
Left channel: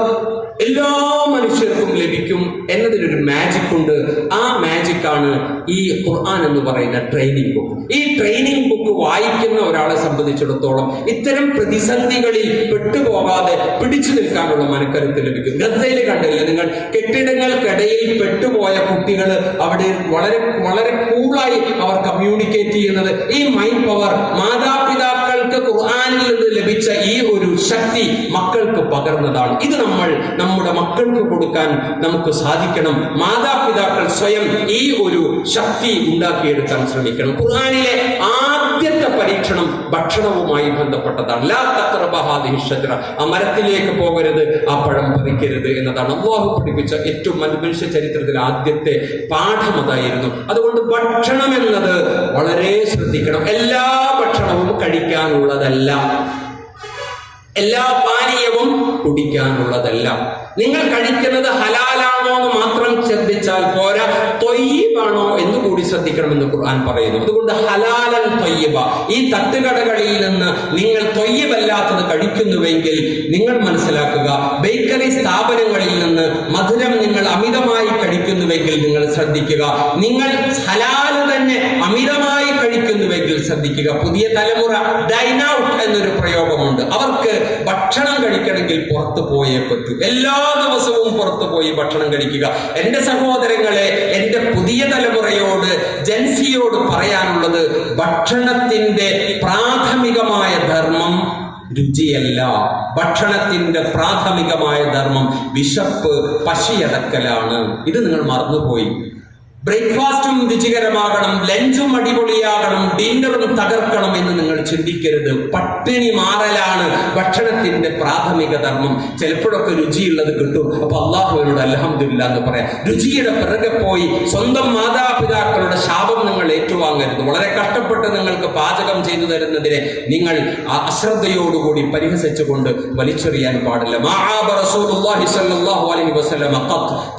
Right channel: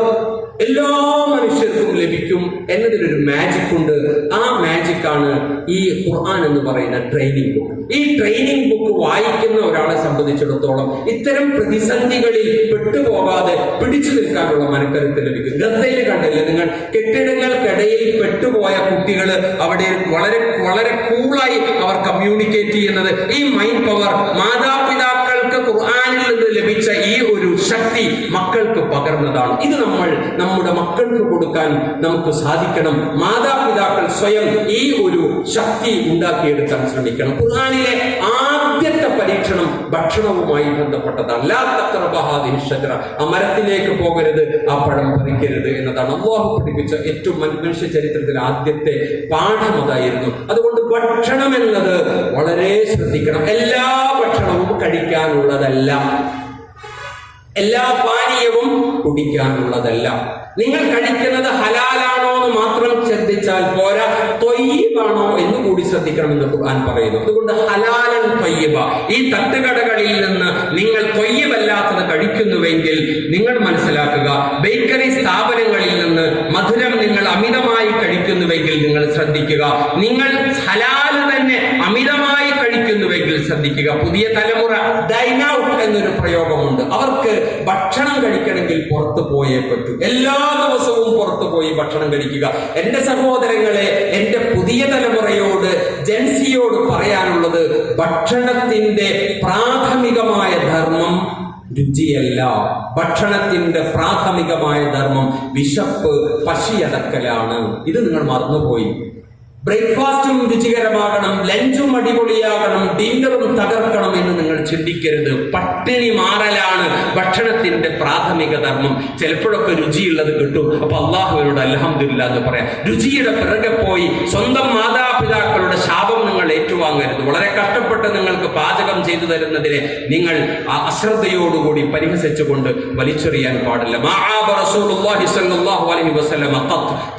എല്ലാ മനുഷ്യർക്കും ലഭിക്കും എന്നതിലൊരു മാജിക് ഉണ്ട്. ആ മാജിക്കാണ് ഈ ഖുർആൻ എന്ന് പറയുന്ന ട്രെയിനിങ് ബുക്ക്. ഈ ട്രെയിനിങ് ബുക്ക് വായിക്കുന്ന ഒരാളെ സംബന്ധിച്ചിടത്തോളം ഇത്തരം പ്രതിസന്ധികളിൽ പെട്ടുപോകാതെ പിടിച്ചു നിൽക്കാനുള്ള മനക്കരുത്ത് ലഭിക്കും. ഗസയിൽ കണ്ടില്ലേ നിങ്ങൾ, കെട്ടിടങ്ങൾക്കിടയിൽ പെട്ടുപോയ കുട്ടികൾ അവിടെ വളരെ വളരെ കൂളായി അവർ കമ്മ്യൂണിക്കേറ്റ് ചെയ്യുന്നത് ഈ മൈൻഡ് പവർ, മാതാപിതാക്കൾക്ക് ഖുർആനിൽ നിന്ന് ലഭിച്ച ഈ ഒരു ശക്തി മക്കൾക്ക് പകർന്നതാണ്. ഇത് നമ്മൾ നമ്മുടെ മക്കൾക്ക് കൊടുക്കാൻ നമുക്ക് സാധിക്കണം. മാതാപിതാക്കൾ സ്വയം ഈ ഒരു ശക്തി ഉണ്ടാക്കിയെടുക്കാൻ ശ്രമിക്കണം. ഖുർആനിലെ ആദ്യത്തെ പരീക്ഷണം ഭക്ഷണവുമായി ബന്ധപ്പെട്ടതാണ്. ലാ തഖ്റബ ഹാദിഹി ഷജറ, ആ മരത്തിലേക്ക് പോകരുത്, ആ പഴം പറിക്കരുത് എന്നതാണ് അല്ലാഹു പഠിപ്പിച്ച ഏറ്റവും മനുഷ്യ ചരിത്രത്തിൽ ആദ്യത്തെ പാഠം അതായിരുന്നു. അതുകൊണ്ട് ഭക്ഷണം എന്നത് വളരെ ശ്രദ്ധിക്കണം. എല്ലാ ഭക്ഷണവും കഴിക്കാനുള്ളതല്ല, എല്ലാ പാനീയവും കുടിക്കാനുള്ളതല്ല. നിങ്ങൾ കഴിക്കുന്നത് ഹലാലാണോ എന്ന് മാത്രം ശ്രദ്ധിച്ചാൽ പോരാ, ത്വയ്യിബാണോ എന്ന് കൂടി ശ്രദ്ധിക്കണമെന്ന് ഖുർആൻ പറയുന്നു. അതുകൊണ്ട് ഹലാലൻ ത്വയ്യിബ, ഈ തട്ടുകടകളിൽ നിന്ന് നിങ്ങൾ ത്വയ്യിബല്ലാത്തത് കഴിക്കുന്നുവെങ്കിൽ നിങ്ങൾ മനസ്സിലാക്കുക, ബേക്കറി സ്ഥാപനങ്ങളിൽ നിന്ന് മധുരം നിങ്ങൾ അമിതമായി കഴിക്കുന്നുവെങ്കിൽ നിങ്ങൾ ശ്രദ്ധിക്കുക, നിങ്ങൾ ഹലാൽ തന്നെ അമിതമായി കഴിക്കുന്നുവെങ്കിൽ ശ്രദ്ധിക്കുക. പുതിയ തലമുറ ഡൈൻ ഔട്ട് എന്നൊരു പ്രയോഗമുണ്ട്. അവർക്ക് ഭക്ഷണം കഴിക്കണമെങ്കിൽ പുറത്തു പോയേ പറ്റൂ. എല്ലാ ദിവസവും പുറത്തു പോയി ഭക്ഷണം കഴിക്കുക. എന്റെ സഹോദരങ്ങളെ, എന്റെ പുതിയ തലമുറയോട്, ജൻസിയോട് പറയാനുള്ളത്, ഭക്ഷണത്തിന്റെ പ്രാഥമികമായ ധർമ്മം രുചിയല്ല. ഭക്ഷണത്തിന്റെ പ്രാഥമികമായ ധർമ്മം വിശപ്പ്, പശിയടക്കലാണ്. ഇത് നിങ്ങൾ മറന്നുപോയി. ബ്രേക്ക്ഫാസ്റ്റും രുചികരമാകണം, ലഞ്ചും അടിപൊളിയാകണം, ഡിന്നറും തകർക്കണം എന്ന് നിങ്ങൾ ചിന്തിക്കരുത്. പട്ടിണി മാറലാണ് ഭക്ഷണത്തിന്റെ പ്രാഥമിക ധർമ്മം. ചിലപ്പോഴൊക്കെ രുചിയുള്ളത് കിട്ടും, അപ്പൊ അല്ലാഹുവിനോട് അൽഹംദുലില്ലാ എന്ന് പറയാം. രുചിയുടെ പിറകെ പോയി സ്വന്തം മാതാപിതാക്കളുടെ ശാപം നിങ്ങൾ ഏറ്റുവാങ്ങരുത്. വളരെ കഷ്ടപ്പെട്ട് നിങ്ങൾക്ക് പാചകം ചെയ്തു തരുന്നതിനെ നിങ്ങൾ അശ്രദ്ധയോടുകൂടി പരിഹസിച്ചുകൊണ്ട് വലിച്ചെറിയാൻ പാടില്ല.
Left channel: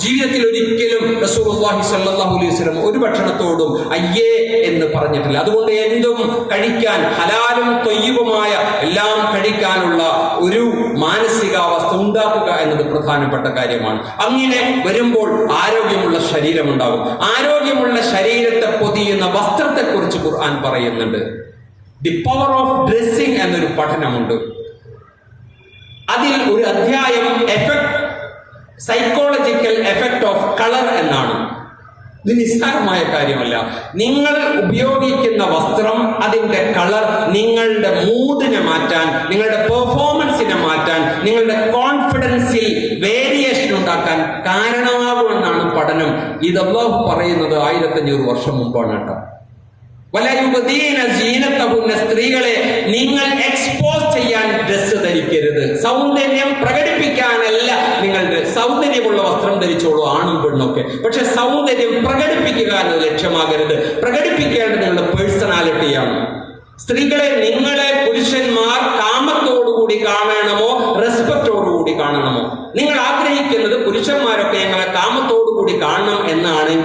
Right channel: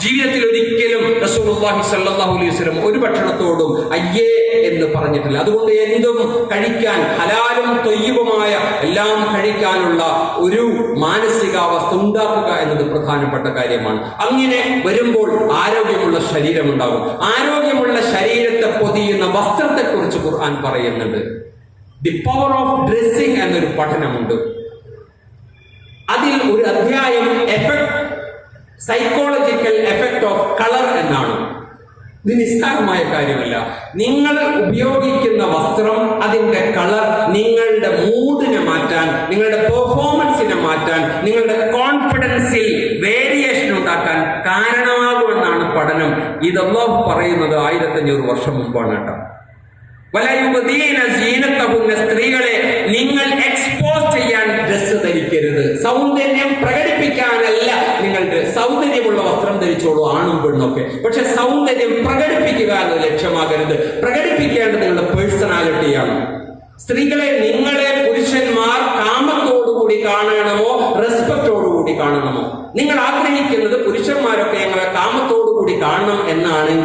ജീവിതത്തിൽ ഒരിക്കലും റസൂലുള്ളാഹി സ്വല്ലല്ലാഹു അലൈഹി വസല്ലം ഒരു ഭക്ഷണത്തോടും അയ്യേ എന്ന് പറഞ്ഞിട്ടില്ല. അതുകൊണ്ട് എന്തും കഴിക്കാൻ, ഹലാലും ത്വയ്യിബുമായ എല്ലാം കഴിക്കാനുള്ള ഒരു മാനസികാവസ്ഥ ഉണ്ടാക്കുക എന്നത് പ്രധാനപ്പെട്ട കാര്യമാണ്. അങ്ങനെ വരുമ്പോൾ ആരോഗ്യമുള്ള ശരീരമുണ്ടാകും. ആരോഗ്യമുള്ള ശരീരത്തെ പൊതിയുന്ന വസ്ത്രത്തെ കുറിച്ച് ഖുർആൻ പറയുന്നുണ്ട്. ദി പവർ ഓഫ് ഡ്രസ്സിംഗ് എന്നൊരു പഠനമുണ്ട്. അതിൽ ഒരു അധ്യായം സൈക്കോളജിക്കൽ എഫക്ട് ഓഫ് കളർ എന്നാണ്. ഇത് നിസ്സാരമായ കാര്യമല്ല. നിങ്ങൾ ഉപയോഗിക്കുന്ന വസ്ത്രം, അതിന്റെ കളർ നിങ്ങളുടെ മൂഡിനെ മാറ്റാൻ, നിങ്ങളുടെ പെർഫോമൻസിനെ മാറ്റാൻ, നിങ്ങളുടെ കോൺഫിഡൻസിൽ വേരിയേഷൻ ഉണ്ടാക്കാൻ കാരണമാകുമെന്നാണ് പഠനം. ഇത് അല്ലാഹു പറയുന്നത് 1500 വർഷം മുമ്പാണ് കേട്ടോ. സ്ത്രീകളെ നിങ്ങൾ എക്സ്പോസ് ചെയ്യാൻ ഡ്രസ് ധരിക്കരുത്. സൗന്ദര്യം പ്രകടിപ്പിക്കാനല്ല നിങ്ങളുടെ സൗന്ദര്യമുള്ള വസ്ത്രം ധരിച്ചോളൂ, ആണും പെണ്ണൊക്കെ. പക്ഷെ സൗന്ദര്യം പ്രകടിപ്പിക്കുക എന്നത് ലക്ഷ്യമാകരുത്. പ്രകടിപ്പിക്കേണ്ടത് നിങ്ങളുടെ പേഴ്സണാലിറ്റിയാണ്. സ്ത്രീകളെ, നിങ്ങളെ പുരുഷന്മാർ കാമത്തോടുകൂടി കാണണമോ റെസ്പെക്റ്റോടുകൂടി കാണണമോ? നിങ്ങൾ ആഗ്രഹിക്കുന്നത് പുരുഷന്മാരൊക്കെ ഞങ്ങളെ കാമത്തോടുകൂടി കാണണം എന്നാണെങ്കിൽ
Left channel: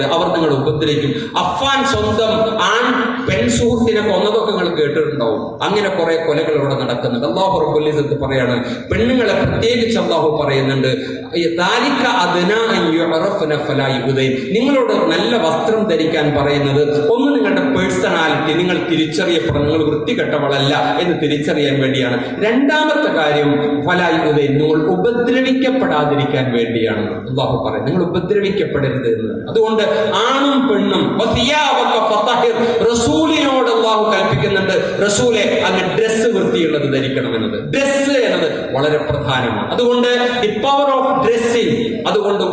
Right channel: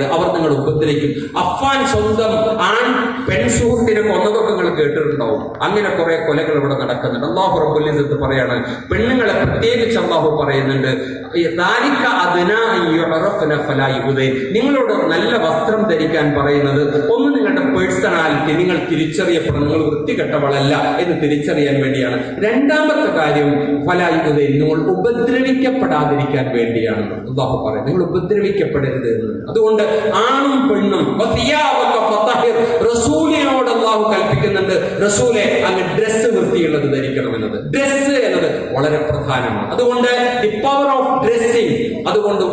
പറയരുത്, അവർ നിങ്ങളെ ഉപദ്രവിക്കും. അഫ്ഫാൻ സ്വന്തം പെൺ സുഹൃത്തിനെ കൊന്നതൊക്കെ നിങ്ങൾ കേട്ടിട്ടുണ്ടാവും. അങ്ങനെ കുറെ കൊലകൾ ഇവിടെ നടക്കുന്നുണ്ട്. അല്ലാഹു റബ്ബുൽ ഇസ്സത്ത് പറയാണ്, പെണ്ണുങ്ങളെ പ്രത്യേകിച്ച് അല്ലാഹു പറയുന്നുണ്ട്, നിങ്ങളോട് നല്ല വസ്ത്രം ധരിക്കാൻ പറയുന്നത് ഒന്ന് നിങ്ങളുടെ പേഴ്സണാലിറ്റി, നിങ്ങൾ തിരിച്ചറിയപ്പെടണം, നിങ്ങൾ വൃത്തികെട്ടവളല്ല എന്ന് തിരിച്ചറിയാൻ വേണ്ടിയാണ്. രണ്ടാമത്തെ കാര്യം ഫലായുദൈൻ, നിങ്ങൾ ഉപദ്രവിക്കപ്പെടാതിരിക്കാൻ വേണ്ടിയാണ്. അല്ലാഹു പറയും നിങ്ങൾ ഉപദ്രവിക്കപ്പെടരുത് എന്ന്. അതുകൊണ്ട് ആണും പെണ്ണും റസൂലിനോട് അല്ലാഹു കൽപ്പിക്കുന്നുണ്ട്, റസൂലെ അങ്ങ് ഡ്രസ്സ് വൃത്തിയുള്ളത് ധരിക്കണമെന്നത്. ഡ്രസ്സ് എന്നത് വളരെ പ്രധാനമാണ്. അതുകൊണ്ട് ദി പവർ ഓഫ് ഡ്രസ്സിംഗ്, അതുകൊണ്ട്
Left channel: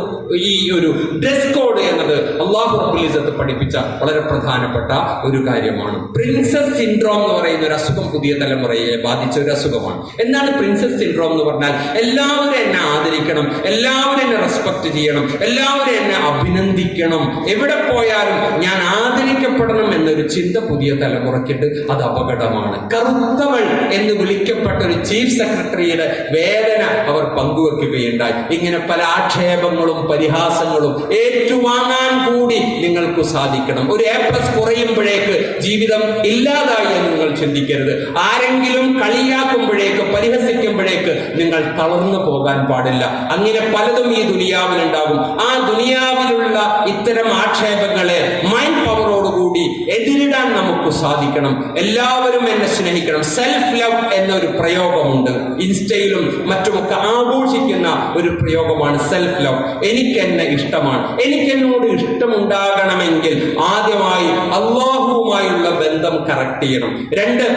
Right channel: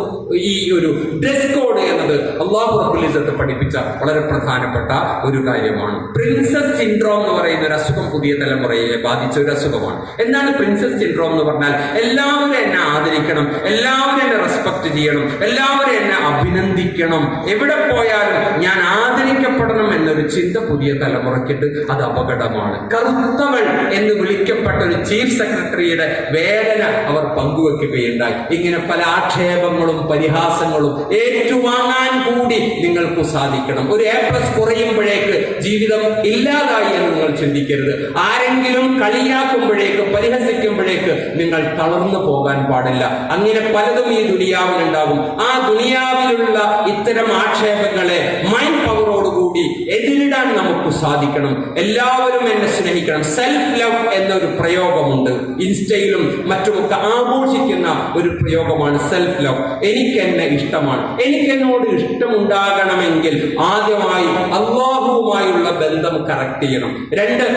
ഈ ഒരു ഡ്രസ് കോഡ് എന്നത് അല്ലാഹു റബ്ബുൽ ഇസ്സത്ത് പഠിപ്പിച്ച വളരെ പ്രധാനപ്പെട്ട ഒരു കാര്യമാണ്. പ്രിൻസസ് സിൻഡ്രോം എന്ന് പറയുന്ന ഒരു അസുഖം പുതിയ തലമുറയെ ബാധിച്ച ഒരു അസുഖമാണ്. എന്താണ് പ്രിൻസസ് സിൻഡ്രോം എന്ന് പറഞ്ഞാൽ? എല്ലാവരും എന്നെ ആദരിക്കണം, എല്ലാവരും എന്നെ റെസ്പെക്ട് ചെയ്യണം, എല്ലാവരും എന്നെ അഭിനന്ദിക്കണം, എവിടെ പോയാലും ഞാൻ ആദരിക്കപ്പെടണം എന്നൊരു ചിന്ത പുതിയ തലമുറയ്ക്കിട്ട്. അത് അപകടമാണ്. കറുത്തവൾ എന്ന് വിളിക്കപ്പെട്ട ഒരു ചീഫ് സെക്രട്ടറിയുടെ വേദന അവർ പങ്കുവെക്കുകയുണ്ടായി. ഇങ്ങനെ പല ആക്ഷേപങ്ങളും പരിഹാസങ്ങളും ഏറ്റുവാങ്ങാൻ കൂടി നിങ്ങൾക്ക് സാധിക്കണം. ഒരു A+ കുറയുമ്പോഴേക്ക് ജീവിതം ഇല്ലാതായി എന്ന് നിങ്ങൾ ചിന്തിക്കരുത്. ആരെങ്കിലും കളിയാക്കുമ്പോഴേക്ക് പരിഹസിക്കുമ്പോഴേക്ക് നിങ്ങൾ തളർന്നു പോകാൻ പാടില്ല. അങ്ങനെ പലതും ഈ ദുനിയാവിലുണ്ടാകും. ആ ദുനിയാവിലുള്ള ഇത്തരം ആക്ഷേപങ്ങളെ മൈൻഡ് പവറോടുകൂടി എതിരിടാൻ നമുക്ക് സാധിക്കണം. എല്ലാവരും എന്നെ സ്നേഹിക്കണം. സെൽഫ് ലവ് എന്നൊരു പ്രയോഗമുണ്ട്. ഇൻസ്റ്റയിലും മറ്റുമൊക്കെ ആഘോഷിക്കുന്ന ഒരു പ്രയോഗമാണ് സെൽഫ് ലവ്. എനിക്കെന്നെ ഇഷ്ടമാണ്. എനിക്കെന്നോട് ഇഷ്ടമുണ്ടാകണമെങ്കിൽ ആദ്യമായി അല്ലാഹുവുമായുള്ള ബന്ധം കറക്റ്റ് ചെയ്യണം. 2,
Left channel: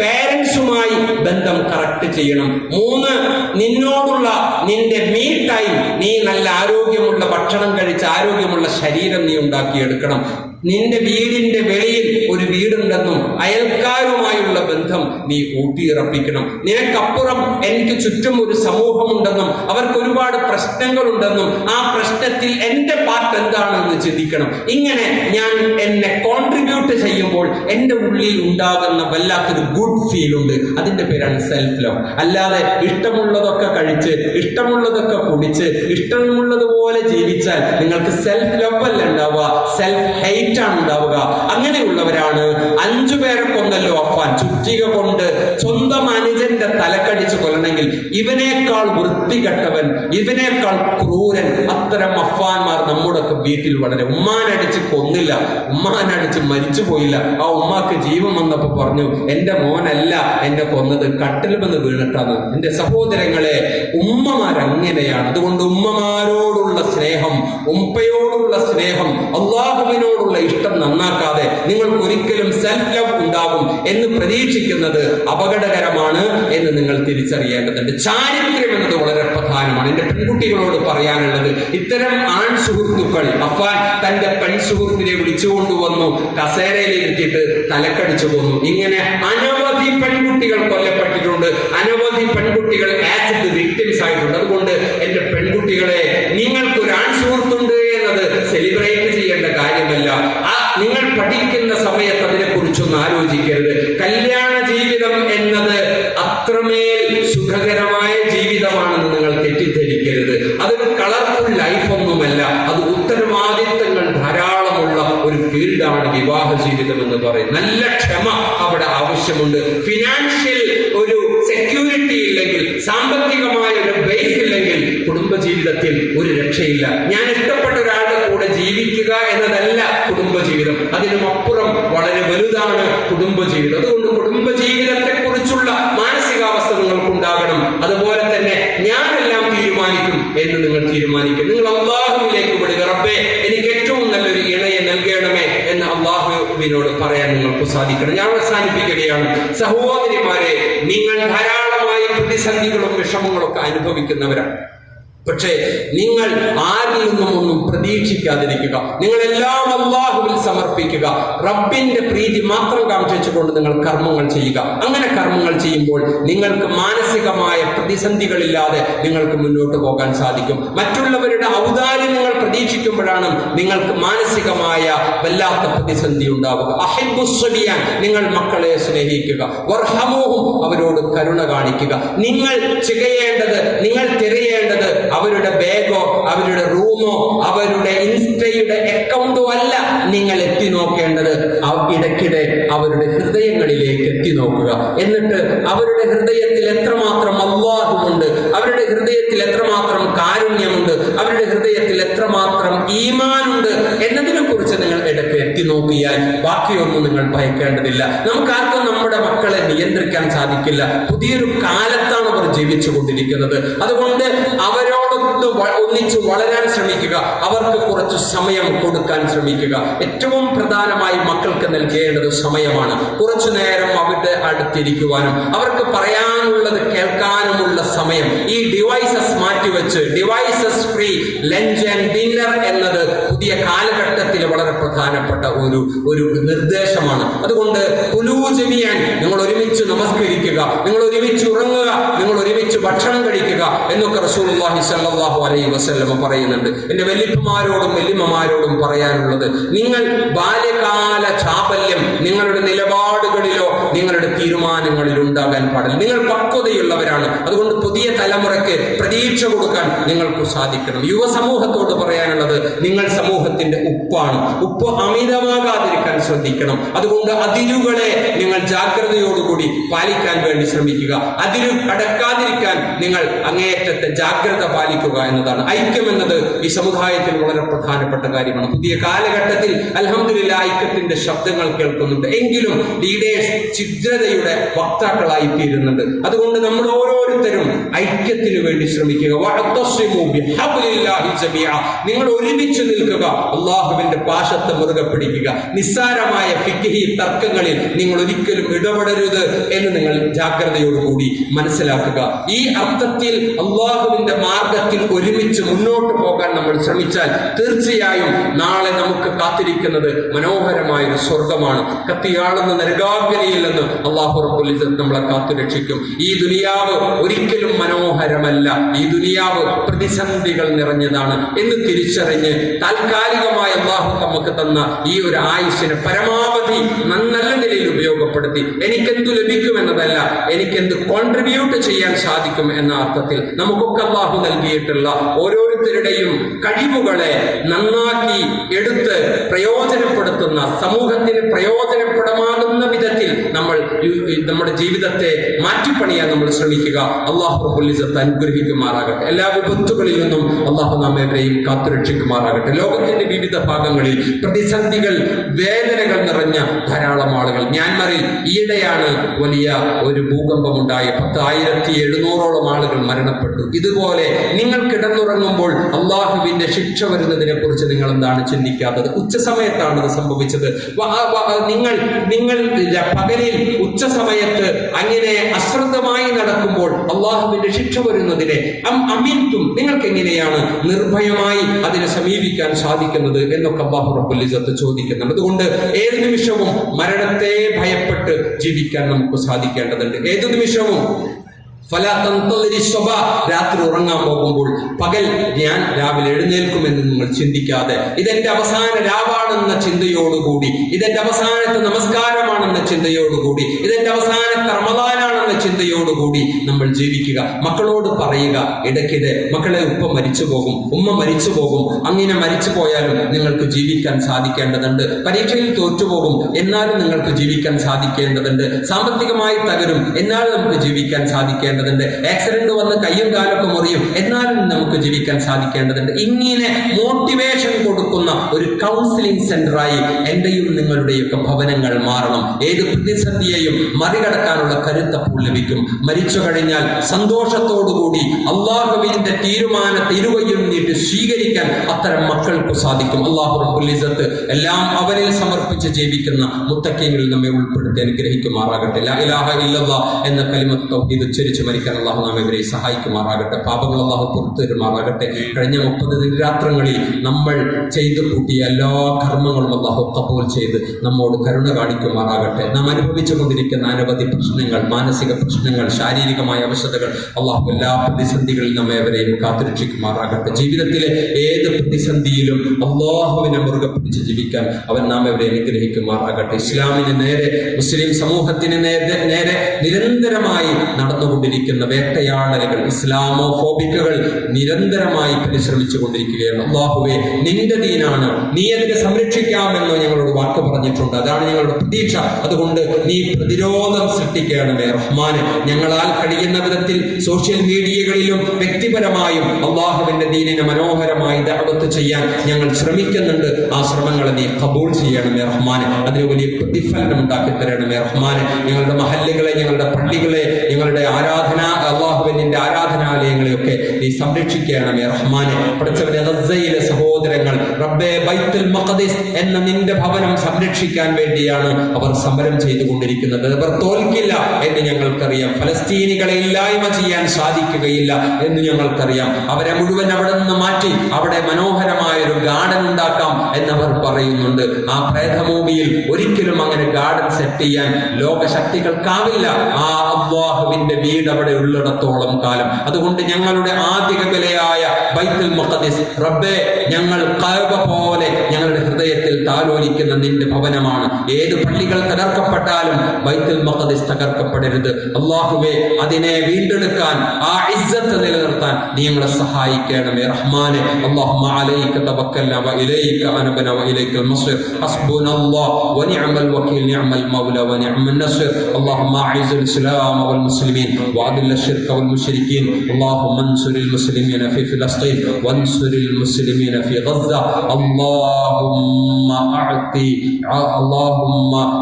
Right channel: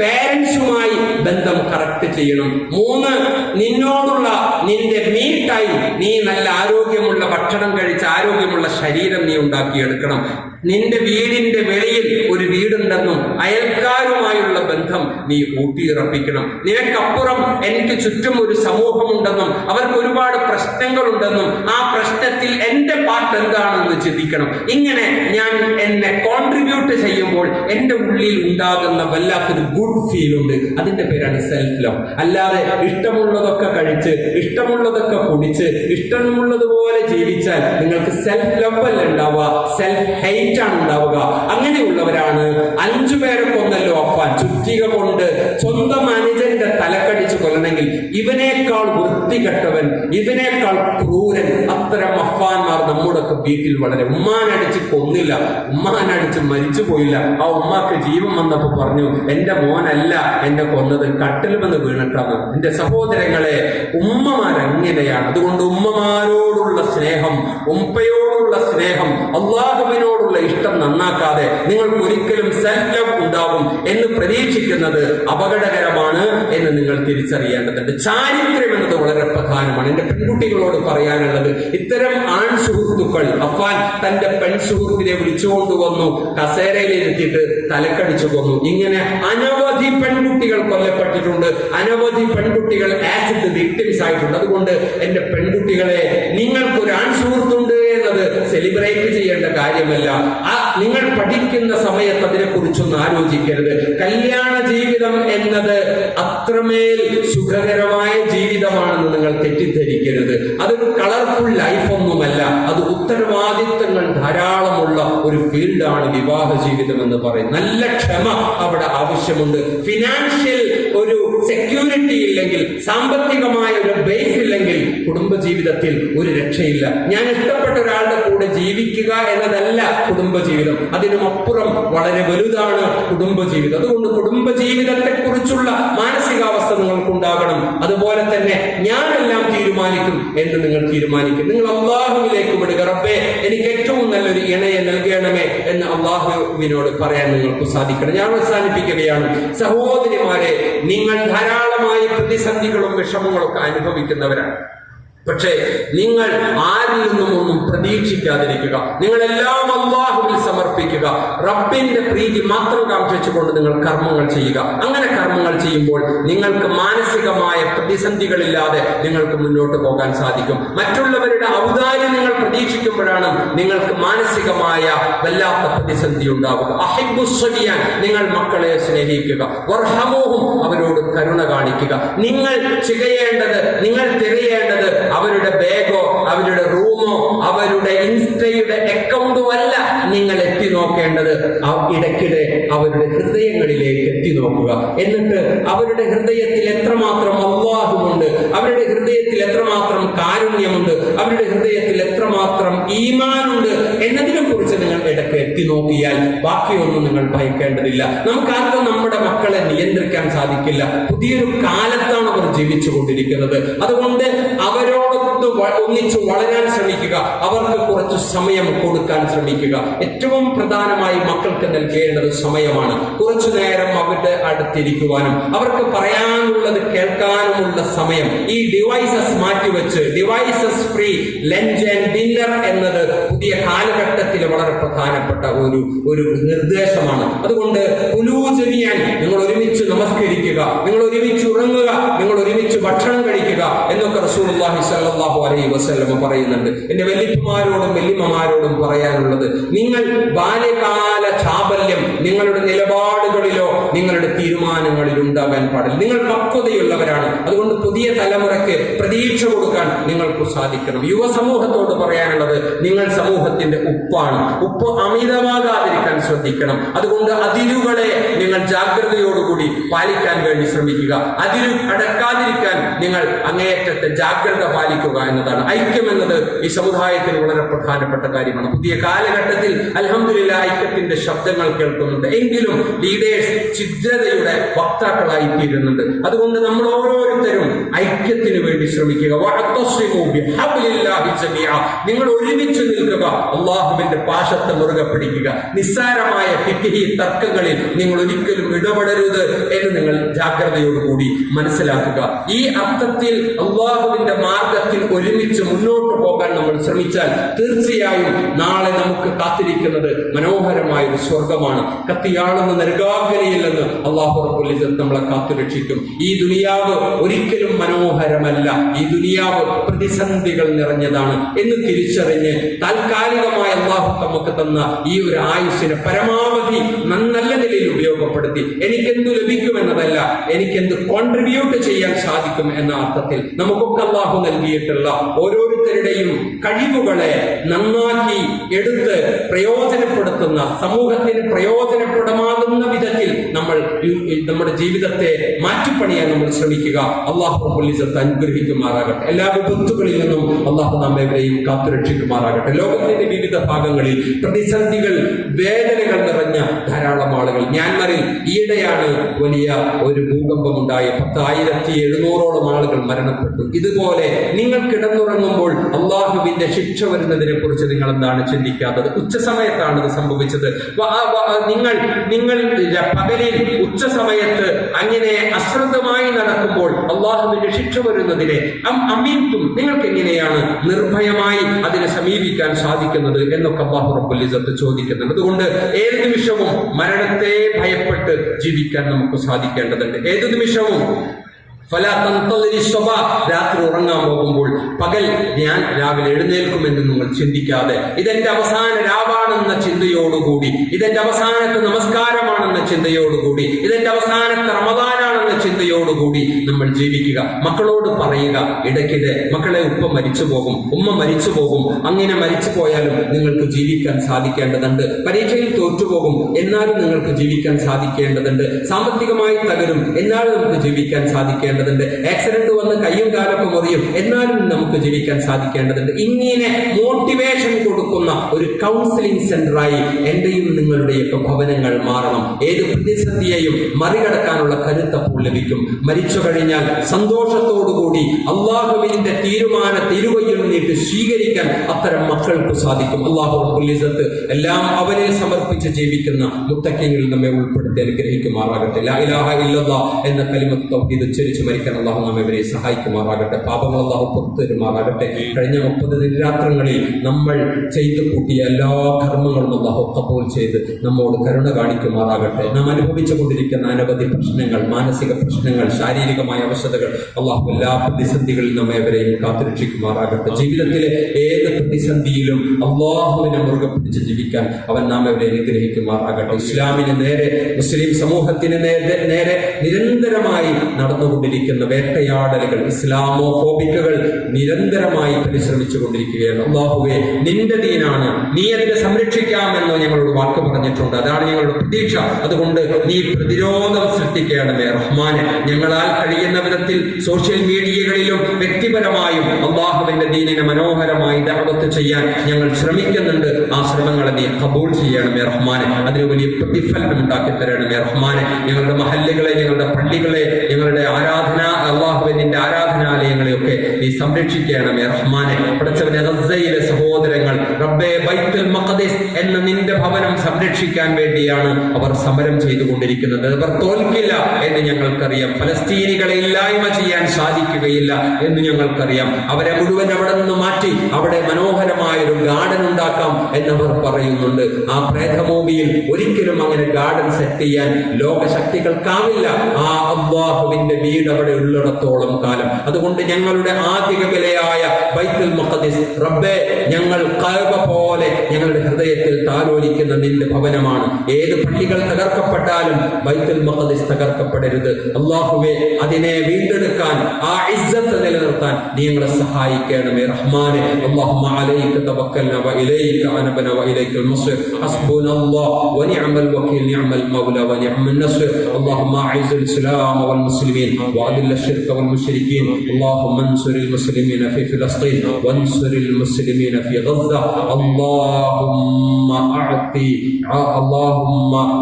പേരൻസുമായി ബന്ധം കറക്റ്റ് ചെയ്യണം. 3, നിന്നോടുള്ള നിന്റെ മീ ടൈം, നീ നല്ല ആരോഗ്യമുള്ള ഭക്ഷണം കഴിച്ച് ആരോഗ്യമുള്ള ശരീരം നീ ഉണ്ടാക്കിയെടുക്കണം. നിന്റെ വീടിന്റെ വെളിയിൽ ഒരു വീടുണ്ടെന്നും അയൽക്കാരുമായുള്ള ബന്ധം നീ ഊട്ടിയുറപ്പിക്കണം. നിനക്കപ്പുറം എനിക്ക് ചുറ്റും ഒരു സമൂഹമുണ്ടെന്നും അവർക്ക് ഒരുപാട് പ്രശ്നങ്ങളുണ്ടെന്നും ആ പ്രശ്നത്തിൽ എന്റെ പാർട്ട് എന്താണെന്ന് ചിന്തിക്കണം. ഇങ്ങനെ ഞാൻ എന്നെ കോൺട്രിബ്യൂട്ട് ചെയ്യുമ്പോൾ എന്റെ ഉള്ളിൽ ഉണ്ടാകുന്ന വല്ലാത്തൊരു ഗുഡ് ഫീൽ ഉണ്ട്. അതിന്റെ പേരാണ് സെൽഫ് ലവ്. അല്ലാതെ ഇഷ്ടമുള്ളതൊക്കെ കഴിച്ച് ഇഷ്ടമുള്ളതൊക്കെ കുടിച്ച് ഇഷ്ടമുള്ളതുപോലെ ജീവിച്ചാൽ നിങ്ങൾക്ക് സെൽഫ് ലവ് അല്ല ഉണ്ടാവുക, സെൽഫ് ഹെയ്റ്റ് ആണ് ഉണ്ടാവുക. അങ്ങനെയുള്ളവരാണ് 5 പേരെ കൊന്നല്ലോ അഫ്ഫാൻ. ചുറ്റിക കൊണ്ട് സ്വന്തം അനുജന്റെ തലക്കടിച്ച് കൊല്ലണമെങ്കിൽ ഇവനേക്കാൾ വൃത്തികെട്ടവൻ, ഇവനേക്കാൾ ക്രൂരൻ അത്തരം അഫ്ഫാൻമാർ നമ്മുടെ വീട്ടിൽ വളരെ. ഉമ്മാനടിച്ച് കൊന്നില്ല, ഉമ്മാനടിച്ച് മരിച്ചു പോയില്ല. ആ ഉമ്മാക്ക് ജീവൻ വന്നപ്പോ പറഞ്ഞു, എന്റെ മോനല്ല എന്നെ കൊന്നത്, കട്ടിലുമെന്ന് വീണിട്ടാണ്. എന്റെ സഹോദരങ്ങളെ, ഉമ്മമാരങ്ങനെയാണ്. അതുകൊണ്ട് ഉമ്മമാരോടുള്ള സ്നേഹം, ഉമ്മയോടുള്ള സ്നേഹം, അല്ലാഹുവിനോടുള്ള ഇഷ്ടം നന്നാക്കാതെ നിങ്ങൾക്ക് ഒരിക്കലും സെൽഫ് ലവ് ഉണ്ടാകും എന്ന് പ്രതീക്ഷിക്കുന്നത് അപകടകരമാണ് എന്ന് നിങ്ങൾ തിരിച്ചറിയേണ്ടതുണ്ട്. ചാരിത്രം എന്നത് വളരെ പ്രധാനമാണ്. എന്റെ പെൺകുട്ടികളോട് പറയാനുള്ളത്, ഇത്തരം ആൺ സുഹൃത്തുക്കൾ, അഫ്ഫാൻ തന്റെ പെൺ സുഹൃത്തിനെ വിളിച്ചുകൊണ്ടുവന്നു കസേരയിൽ ഇരുത്തിയിട്ട് തലക്കടിച്ചു കൊന്നു. ഇങ്ങനെ അനവധി പെൺകുട്ടികൾ കൊല്ലപ്പെട്ടിട്ടുണ്ട്, അനവധി പെൺകുട്ടികൾ ആസിഡ് വിക്ടിംസ് ആയിട്ടുണ്ട്. അതുകൊണ്ട് എന്റെ പെൺകുട്ടികളെ, നിങ്ങൾക്കൊരു ആൺ സുഹൃത്തുണ്ട് എന്നത് സെലിബ്രേറ്റ് ചെയ്യേണ്ട കാര്യമല്ല. നിങ്ങൾ പഠിക്കുന്ന സമയത്ത് അതിനെ കുറിച്ചൊന്നും ആലോചിക്കരുത്. കല്യാണ ജീവിതം എന്നത് അത്രമേൽ സുഖകരമായ ജീവിതമാണെന്ന് നിങ്ങൾ തെറ്റിദ്ധരിക്കരുത്. അതൊരു കളർഫുൾ ലൈഫൊന്നുമല്ല. അത് ഉത്തരവാദിത്തങ്ങൾ ധാരാളമുള്ള ഒരു ഫീൽഡാണ് വിവാഹ ജീവിതം എന്ന് പറയും. നല്ല ക്ഷമ അവിടെ ആവശ്യമുണ്ട്. ഫിനാൻഷ്യൽ ഒരു സെക്യൂരിറ്റി ഇല്ലെങ്കിൽ, സാമ്പത്തികമായ ഒരു ബേസ് ഇല്ലെങ്കിൽ കുടുംബജീവിതത്തിൽ ഒരു രക്ഷയില്ല. ഞാൻ ഇഷ്ടപ്പെട്ട ഒരാളുടെ കൂടെ ജീവിക്കുക എന്നതല്ല കുടുംബജീവിതം, അതിനുമപ്പുറം വളരെ വലുതാണ് കുടുംബജീവിതം. അതുകൊണ്ട് കുടുംബജീവിതത്തെ കുറിച്ചുള്ള മാനസികാവസ്ഥ നിങ്ങൾക്കുണ്ടാകണം. അതുപോലെ തന്നെ ഞാനെല്ലാം തീരുമാനിക്കും എന്ന് നിങ്ങൾ തീരുമാനിക്കും. നിങ്ങൾ അല്ലാഹുവിലേക്ക് വിടുക. റബ്ബേ, എനിക്ക് ഏറ്റവും നല്ലൊരു ഇണയെ നൽകണമേ എന്ന് അല്ലാഹുവിനോട് പറയാൻ നിങ്ങൾക്ക് സാധിക്കണം. ഞാൻ അവസാനിപ്പിക്കുകയാണ്. സഹോദരിമാരെ, നിങ്ങൾ ധാരാളമായ പ്രതിസന്ധികളും വിഷമങ്ങളും ഒക്കെ അനുഭവിക്കുന്നവരാണ്. പക്ഷേ നിങ്ങൾ ആരിൽ നിന്നും ഒന്നും പ്രതീക്ഷിക്കാതിരിക്കുക. നിങ്ങളെല്ലാം അല്ലാഹുവിൽ സമർപ്പിക്കുക. റബ്ബിന്റെ പ്രീതി മാത്രം കാക്ഷിച്ചുകൊണ്ട് നിങ്ങൾ കർമ്മങ്ങൾ ചെയ്യുക. അങ്ങനെ കർമ്മങ്ങൾ ചെയ്യുമ്പോൾ നിങ്ങൾക്ക് മാനസികമായ പ്രതിസന്ധികളില്ലാതെ നിങ്ങൾക്ക് മുന്നോട്ട് പോകാൻ സാധിക്കും. മറ്റുള്ളവരുടെ ഔദാര്യം നിങ്ങൾ പ്രതീക്ഷിക്കുമ്പോഴാണ് നിങ്ങൾക്ക് മാനസികമായ വല്ലാത്ത പ്രതിസന്ധി ഉണ്ടാകുക. അഹിബ്ബുസ്സബിയാൻ, നിങ്ങൾ മക്കളെ സ്നേഹിക്കുക. വർഹമൂഹും, അവരോട് കരുണ കാണിക്കുക. നിങ്ങൾ ചെയ്യേണ്ടത്, നിങ്ങൾ തിരയേണ്ടത് അവരുടെ ബാഗോ അവരുടെ റൂമോ അവരുടെ ഇൻസ്റ്റയുടെ അക്കൗണ്ടോ മാത്രവുമല്ല നിങ്ങൾ എത്തി നോക്കേണ്ടത്, ഇടയ്ക്കിടെ അവരുടെ ഹൃദയങ്ങളിലേക്ക് എത്തി നോക്കുക. എന്നിട്ട് അവരുടെ ഹൃദയത്തിൽ എത്രമാത്രം അല്ലാഹുവുണ്ട്, അവരുടെ ഹൃദയത്തിൽ എത്രമാത്രം കാരുണ്യമുണ്ട്, അവരുടെ ഹൃദയത്തിൽ എത്രമാത്രം ഈമാനുണ്ട് എന്നതിനെ കുറിച്ച് നിങ്ങൾ ഇടയ്ക്ക് എത്തി നോക്കിയാൽ ബാക്കിയൊന്നും നിങ്ങൾ ഭയക്കേണ്ടതില്ല. നമുക്കാർക്കും നമ്മുടെ മക്കളെ നിയന്ത്രിക്കാൻ സാധിക്കില്ല. പുതിയൊരു കാലത്താണ് അവർ ജീവിച്ചു കൊണ്ടിരിക്കുന്നത്. അതുകൊണ്ട് അവരോടൊത്ത് ഒന്നിച്ച് വളരാൻ ശ്രമിക്കുക, അവർക്ക് കുറച്ച് സമയം കൊടുക്കാൻ ശ്രമിക്കുക. ഏറ്റവും പ്രധാനമായി മക്കൾക്ക് നൽകേണ്ടത് സമയമാണ്. കുറച്ചു നേരം അവരുടെ അടുത്തിരിക്കുവാനും അവർക്ക് പറയാനുള്ളത് കേൾക്കാനുമുള്ള സമയം. ഈ ഡിവൈസസ് മാറ്റിവെച്ച് devices free lunch and dinner എന്നത് പുതിയ കാലഘട്ടത്തിൽ വളരെ പ്രധാനപ്പെട്ട ഒരു നിർദ്ദേശമാണ്. അതുകൊണ്ട് ജമിയാൻ, നിങ്ങൾ ഒരുമിച്ച് നമസ്കരിക്കുക, നിങ്ങൾ ഒരുമിച്ച് ഉറങ്ങുക, നിങ്ങൾ ഒരുമിച്ച് ഭക്ഷണം കഴിക്കുക എന്നൊക്കെ റസൂലുള്ളാഹി സ്വല്ലല്ലാഹു അലൈഹി വസല്ലം പറയുന്നുണ്ട്. എന്റെ വല്യപ്പമാരോടും വല്യമ്മമാരോടും പറയാനുള്ളത്, നിങ്ങൾ ബാല്യകാല ചാബല്യം നിങ്ങളുടെ നിലപാടുകളിലോ നിങ്ങളുടെ തീരുമാനങ്ങളിൽ ഉണ്ടാകാൻ പാടില്ല. നിങ്ങൾ പക്വതയുള്ളവരാണ്. അതുകൊണ്ട് പുതിയ തലമുറയ്ക്ക് പ്രതീക്ഷ കൊടുക്കാൻ നിങ്ങൾക്ക് സാധിക്കണം. യുവസമൂഹത്തോട് പറയാനുള്ളത്, നിങ്ങൾ സമൂഹത്തിന്റെ ഉപ്പാണ്. ഉപ്പ് അമിതമാകാതിരിക്കാൻ ശ്രദ്ധിക്കണം. അതുകൊണ്ട് അതിരുകളെ നിങ്ങൾ ജാഗ്രതയോടുകൂടി പാലിക്കാൻ വേണ്ടി ശ്രമിക്കുക. അതിരു കടക്കാതിരിക്കാൻ നിങ്ങൾ അങ്ങേയറ്റത്തെ ജാഗ്രത പാലിക്കുക എന്നതാണ്. ഐക്യം എന്നത് ഈ സമുദായത്തിന് വളരെ പ്രധാനപ്പെട്ട കാര്യമാണ്. പുതിയ കാലഘട്ടത്തിൽ അൽഹംദുലില്ലാഹ് ഐക്യത്തിന്റെ ശബ്ദങ്ങൾ കേൾക്കുന്നുണ്ട്. എങ്കിലും ലീഡേഴ്സ് ഛിദ്രതയുടെ വക്താക്കളായി തീരുന്നുണ്ട്. അതുകൊണ്ട് നമ്മൾ ഓരോരുത്തരും ഐക്യത്തിന് വേണ്ടി ശ്രമിക്കുക. നിങ്ങൾ ഒരുമിച്ച് നിൽക്കുക, അള്ളാഹുവിന്റെ പാശത്തെ മുറുകെ പിടിക്കുക. നിസ്സാരമായ ഫിഖ്ഹി തർക്കങ്ങളിൽ നിങ്ങൾ ഒരിക്കലും ഇടപെടരുത് എന്ന് നിങ്ങൾ ജാഗ്രതയോടുകൂടി മനസ്സിലാക്കുക. ഈ അർത്ഥത്തിൽ അള്ളാഹുവിന്റെ മാർഗത്തിൽ ഒരുമിച്ച് മുന്നോട്ട് പോകാൻ നമ്മൾ ശ്രമിച്ചാൽ തീർച്ചയായും നാളെ നമുക്ക് കാത്തിരിക്കുന്നത് മനോഹരമായ ഒരു സ്വർഗമാണ്. കത്തിയാണെന്ന് നരകാഗ്നിയില്ലെന്ന് അള്ളാഹു റബ്ബുൽ ഇസ്സത്ത് നമ്മളെ കാത്തുരക്ഷിക്കും. ഈ ദുനിയാവ് ഒരിക്കലും മനോഹരമല്ല. ഈ ദുനിയാവ് പ്രതിസന്ധികൾ നിറഞ്ഞതാണ് എന്ന് തിരിച്ചറിഞ്ഞ് താൽക്കാലികമായ അള്ളാഹു നമുക്ക് തന്ന ഈ ഒരു ആയുസ്സിനെ പരമാവധി നല്ല നിലയിൽ ഉപയോഗപ്പെടുത്തി എനിക്കെന്തു ലഭിക്കുമെന്നതല്ല, എനിക്കെന്ത് കോൺട്രിബ്യൂട്ട് ചെയ്യാൻ സാധിക്കും എന്ന അർത്ഥത്തിൽ നമുക്കൊക്കെ അള്ളാഹു നൽകിയിട്ടുള്ള ഓരോരുത്തരുടെയും കഴിവുകളെ നന്നാക്കി എടുത്ത് പ്രയോജനപ്പെടുത്തുന്ന, സമൂഹത്തിന് പ്രയോജനപ്പെടമാകുന്ന വിധത്തിൽ നമ്മൾ നമ്മുടെ ജീവിതത്തെ മാറ്റിപ്പണിയാൻ നമ്മൾ ശ്രമിക്കുക. അള്ളാഹു റബ്ബുൽ ഇസ്സത്ത് അനുഗ്രഹിക്കുമാറാകട്ടെ. എല്ലാ വിപത്തുകളിൽ നിന്നും അള്ളാഹു നമ്മെയും കാത്തുരക്ഷിക്കുമാറാകട്ടെ. ലോകത്തിന്റെ വിവിധ ഭാഗങ്ങളിൽ പ്രതിസന്ധികൾ, വേദനകൾ നിറഞ്ഞ ധാരാളം ആളുകൾ. മ്യാൻമറിൽ ഈയിടെയാണ് വലിയ ഒരു ഭൂകമ്പം ഉണ്ടായ 10,700ഓളം ആളുകൾ മരണപ്പെട്ടു. ഇതുപോലെ നിങ്ങൾ കിടന്നുറങ്ങുമ്പോൾ അള്ളാഹുവിന്റെ ശിക്ഷ വരുന്നതിനെ കുറിച്ച് നിങ്ങൾ എന്താണ് ചിന്തിക്കാത്തത്? ഉച്ച സമയത്താണ് ഇത് സംഭവിച്ചത്. നിങ്ങൾ പകലിൽ ഉച്ച സമയത്ത് അങ്ങനെ അശ്രദ്ധമായി നടക്കുമ്പോൾ അള്ളാഹുവിന്റെ ശിക്ഷ വരുന്നതിനെ അമീൻതും നിങ്ങൾക്ക് എങ്ങനെയാണ് നിർഭയമായി അതിനെ സമീപിക്കാൻ സാധിക്കുന്നത് എന്നൊക്കെ അല്ലാഹു റബ്ബുൽ ഇസ്സത്ത് ചോദിക്കുന്നുണ്ട്. അതുകൊണ്ട് ഏത് നിമിഷവും മരണത്തെ ഭയപ്പെട്ട് ജീവിക്കാൻ നമുക്ക് സാധിക്കേണ്ടതുണ്ട്. ഏത് നിമിഷവും രാത്രി ഉറങ്ങാൻ പോകുമ്പോൾ പകൽ ഞാൻ രാവിലെ എഴുന്നേൽക്കുമെന്ന് നിങ്ങൾ ചിന്തിക്കാതെ ഇതെന്റെ അവസാന രാവാണെന്ന ചിന്തയോടുകൂടി, ഇതെന്റെ അവസാനത്തെ നമസ്കാരമാണെന്ന ചിന്തയോടുകൂടി, ഇതെന്റെ അവസാനത്തെ റമദാനാണെന്ന ചിന്തയോടുകൂടി നമ്മൾ ജീവിക്കുക. മക്കളോട് പറയുക, ഇടയ്ക്കിടെ മക്കളെ ഉപ്പ മരിച്ചു പോകും, ഉമ്മ മരിച്ചു പോകും, അങ്ങനെ മരിച്ചു പോയാലും നിങ്ങൾക്ക് ജീവിക്കാൻ സാധിക്കേണ്ടതുണ്ട്. പരീക്ഷയിൽ തോറ്റുപോകും, എന്നാലും നിങ്ങൾക്ക് ജീവിക്കാൻ സാധിക്കേണ്ടതുണ്ട്. സാമ്പത്തികമായി തകരും, എന്നാലും നമുക്ക് ജീവിക്കാൻ സാധിക്കേണ്ടതുണ്ട്. ആക്സിഡന്റ് വന്ന് കയ്യും കാലൊക്കെ മുറിയും, എന്നാലും നമുക്ക് ജീവിക്കാൻ സാധിക്കേണ്ടതുണ്ട്. ഇങ്ങനെ മോട്ടിവേഷൻ കൊടുക്കുന്ന ഒരു കൗൺസിലിംഗ് സെന്ററായി എന്റെയും നിങ്ങളുടെയൊക്കെ ഭവനങ്ങൾ മാറണം. ഏത് പ്രതിസന്ധിയെയും മറികടക്കാനുള്ള കരുത്തപ്പോൾ ലഭിക്കും. മരിച്ചു കഴിഞ്ഞാൽ സന്തോഷത്തോടുകൂടി അള്ളാഹുവിന്റെ തീരുമാനത്തെ ഇരുകൈയും നീട്ടി സ്വീകരിക്കാൻ അത്തരം മക്കൾക്ക് സാധിക്കും. അല്ലാഹു റബ്ബുൽ ഇസ്സത്ത് എല്ലാം അവരെ സമർപ്പിച്ച് ജീവിക്കുന്ന മുത്തഖീങ്ങളിൽ നമ്മെ ഉൾപ്പെടുത്തി അനുഗ്രഹിക്കുമാറാകട്ടെ. ലാ ഇലാഹ ഇല്ലല്ലാഹ് എന്ന കലിമത്ത് തൗഹീദ് ഉച്ചരിച്ച് മരിക്കാൻ അല്ലാഹു നമ്മെ ഇവരെ സഹായിക്കുമാറാകട്ടെ. പാപങ്ങൾ അല്ലാഹു പുറത്തു തരുമാറാകട്ടെ. കഴിഞ്ഞ 30 ദിനരാത്രങ്ങളിൽ നമ്മൾ ചെയ്തു കൂട്ടിയ എല്ലാ കർമ്മങ്ങളും അല്ലാഹു ഖബൂൽ ചെയ്ത് നമ്മോട് കരുണ കാണിക്കുമാറാകട്ടെ. നാം അനുഭവിച്ചു കൊണ്ടിരിക്കുന്ന അനവധി പ്രശ്നങ്ങൾ, മാനസിക പ്രശ്നങ്ങൾ, ശാരീരികമായ അവശതകൾ, അല്ലാഹു എല്ലാ പ്രതിസന്ധികളിൽ നമ്മെ ഇവരെയും കാത്തുരക്ഷിക്കുമാറാകട്ടെ. ജീവിതത്തിലെ ഏത് പ്രതിസന്ധിയിലും അല്ലാഹുവിനെ മുറുകെ പിടിച്ച് ജീവിക്കാൻ അവൻ നാം ഇവരെ അനുഗ്രഹിക്കുമാറാകട്ടെ. ഇസ്ലാമിന് നേരെ, മുസ്ലിം സമൂഹത്തിന് നേരെ നിരന്തരമായി നടന്നുകൊണ്ടിരിക്കുന്ന വേട്ടയാടലുകൾ, ഇസ്ലാമോഫോബിക്കുകൾ നിരന്തരമായി പരിശ്രമിച്ചു കൊണ്ടിരിക്കുകയാണ്. അല്ലാഹുവേ, നിന്റെ ദീനാണ്, നീ അതിനെ സംരക്ഷിക്കാമെന്ന് ഞങ്ങളോട് വാക്ക് പറഞ്ഞിട്ടുണ്ട്. അതാണ് ഞങ്ങളുടെ പ്രതീക്ഷ. അതുകൊണ്ട് നീ പ്രതിരോധം സൃഷ്ടിക്കണമേ റഹ്മാനെ. ഞങ്ങളാൽ കഴിയുന്ന വിധത്തിൽ സോഷ്യൽ മീഡിയകളിലും വ്യക്തിപരമായും അള്ളാഹുവിന്റെ ദീനിനെ മനോഹരമായി ദഅവത്ത് ചെയ്യാൻ ഞങ്ങൾ ശ്രമിക്കുന്നുണ്ട്. ആ ശ്രമങ്ങളെ നീ ഖബൂൽ ചെയ്യണമേ റഹ്മാനെ. അതിന് വലിയ പ്രതിഫലം ഉണ്ടാക്കി തരണമേ റഹ്മാനെ. ഞങ്ങളുടെ മഹല്ലുകളെ, ഞങ്ങളുടെ പള്ളികളെ, ഞങ്ങളുടെ അള്ളാഹുവിന്റെ ആരാധനാലയങ്ങളെയൊക്കെ നീ സംരക്ഷിക്കണമേ റഹ്മാനെ. പഠിച്ചവനെ, ഗസയിലെ സഹോദരങ്ങൾ റബ്ബേ ബൈത്തുൽ മഖ്ദിസ് എന്ന നിന്റെ ഭവനം സംരക്ഷിക്കാൻ വേണ്ടിയാണ് അവർ സമരം ചെയ്തുകൊണ്ടിരിക്കുന്നത്. അവർ തോൽക്കില്ല എന്ന് ഞങ്ങൾക്കറിയാം. ഫലസ്തീനികളെ ഇല്ലായ്മ ചെയ്യാൻ സാധിക്കുകയില്ല എന്ന് ഞങ്ങൾക്കറിയാം. അവരെ മുഴുവൻ അവിടെ നിന്ന് മാറ്റി അവിടെ മനോഹരമായ ഒരു ഗാർഡൻ ഉണ്ടാക്കാം എന്നവർ പറയുന്നുണ്ട്. ആ പ്രേതഭൂമിയിൽ ഒരിക്കലും അങ്ങനെ ഗാർഡൻ സെറ്റ് ചെയ്യാൻ ലോകശക്തികൾക്കാവില്ല. ആ അല്ലാഹുവിന്റെ വീട് അവിടെ ഉള്ളിടത്തോളം കാലം. അതുകൊണ്ട് ഞങ്ങളുടെ ആദ്യ വിലയായ ബൈത്തുൽ മഖ്ദിസ് റബ്ബേ, ഞങ്ങൾ കഅബ പോലെ ഞങ്ങളുടെ ഹൃദയത്തിൽ താലോലിക്കുന്ന നിന്റെ ഭവനമാണ്. ഏത് പള്ളികൾ തകർക്കപ്പെട്ടാലും ബൈത്തുൽ മഖ്ദിസ് തകർക്കപ്പെടരുത്. അല്ലാഹുവേ, അതിനെ വീണ്ടെടുക്കാൻ, ആ ഇസ്സത്ത് നിലനിർത്താൻ നീ ഞങ്ങളെ സഹായിക്കണമേ റഹ്മാനെ. അല്ലാഹുമ്മ അലൈക തവക്കൽനാ വ ഇലൈക അനബ്നാ വ ഇലൈക്കൽ മസ്ീർ. ഹസ്ബുനല്ലാഹു വ നിഅമൽ വകീൽ, നിഅമൽ മൗലാ വ നിഅമൻ നസീർ. അല്ലാഹുമ്മ അഇസ്ൽ ഇസ്ലാം വൽ മുസ്ലിമീൻ വഅദിൽ അശ്ശിർക വൽ മുശ്രിക്കീൻ. അല്ലാഹുമ്മ അൻസുരിൽ മുസ്ലിമീന ഫീ ഫലസ്തീൻ വൻസുരിൽ മുസ്ലിമീന ഫീ ഗസ. അല്ലാഹുമ്മ അഅതി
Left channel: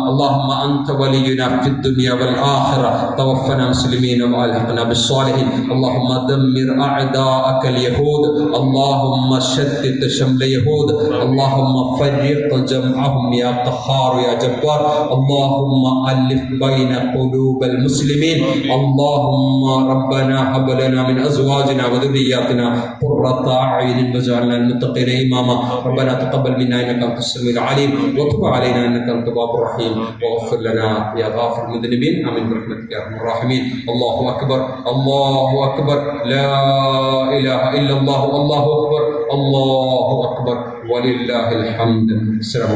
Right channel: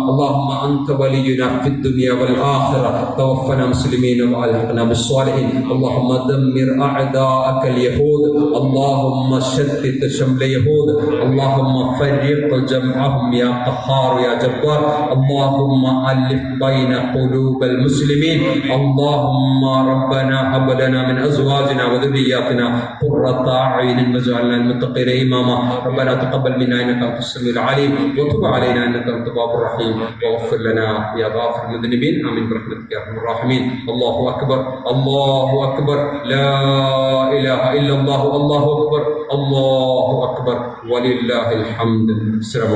اللهم أنت ولينا في الدنيا والآخرة. توفنا مسلمين وألحقنا بالصالحين. اللهم دمر أعداءك اليهود. اللهم شتت شمل اليهود. اللهم فرق جمعهم يا قهار يا جبار. اللهم ألف بين قلوب المسلمين. اللهم ربنا هب لنا من أزواجنا وذرياتنا قرة أعين واجعلنا للمتقين إماما. ربنا تقبل منا إنك أنت السميع العليم وتب علينا إنك أنت التواب الرحيم واغفر لنا يا غافر المذنبين. آمين برحمتك يا أرحم الراحمين. الله أكبر، الله أكبر، لا إله إلا الله، الله أكبر، الله أكبر، ولله الحمد. السلام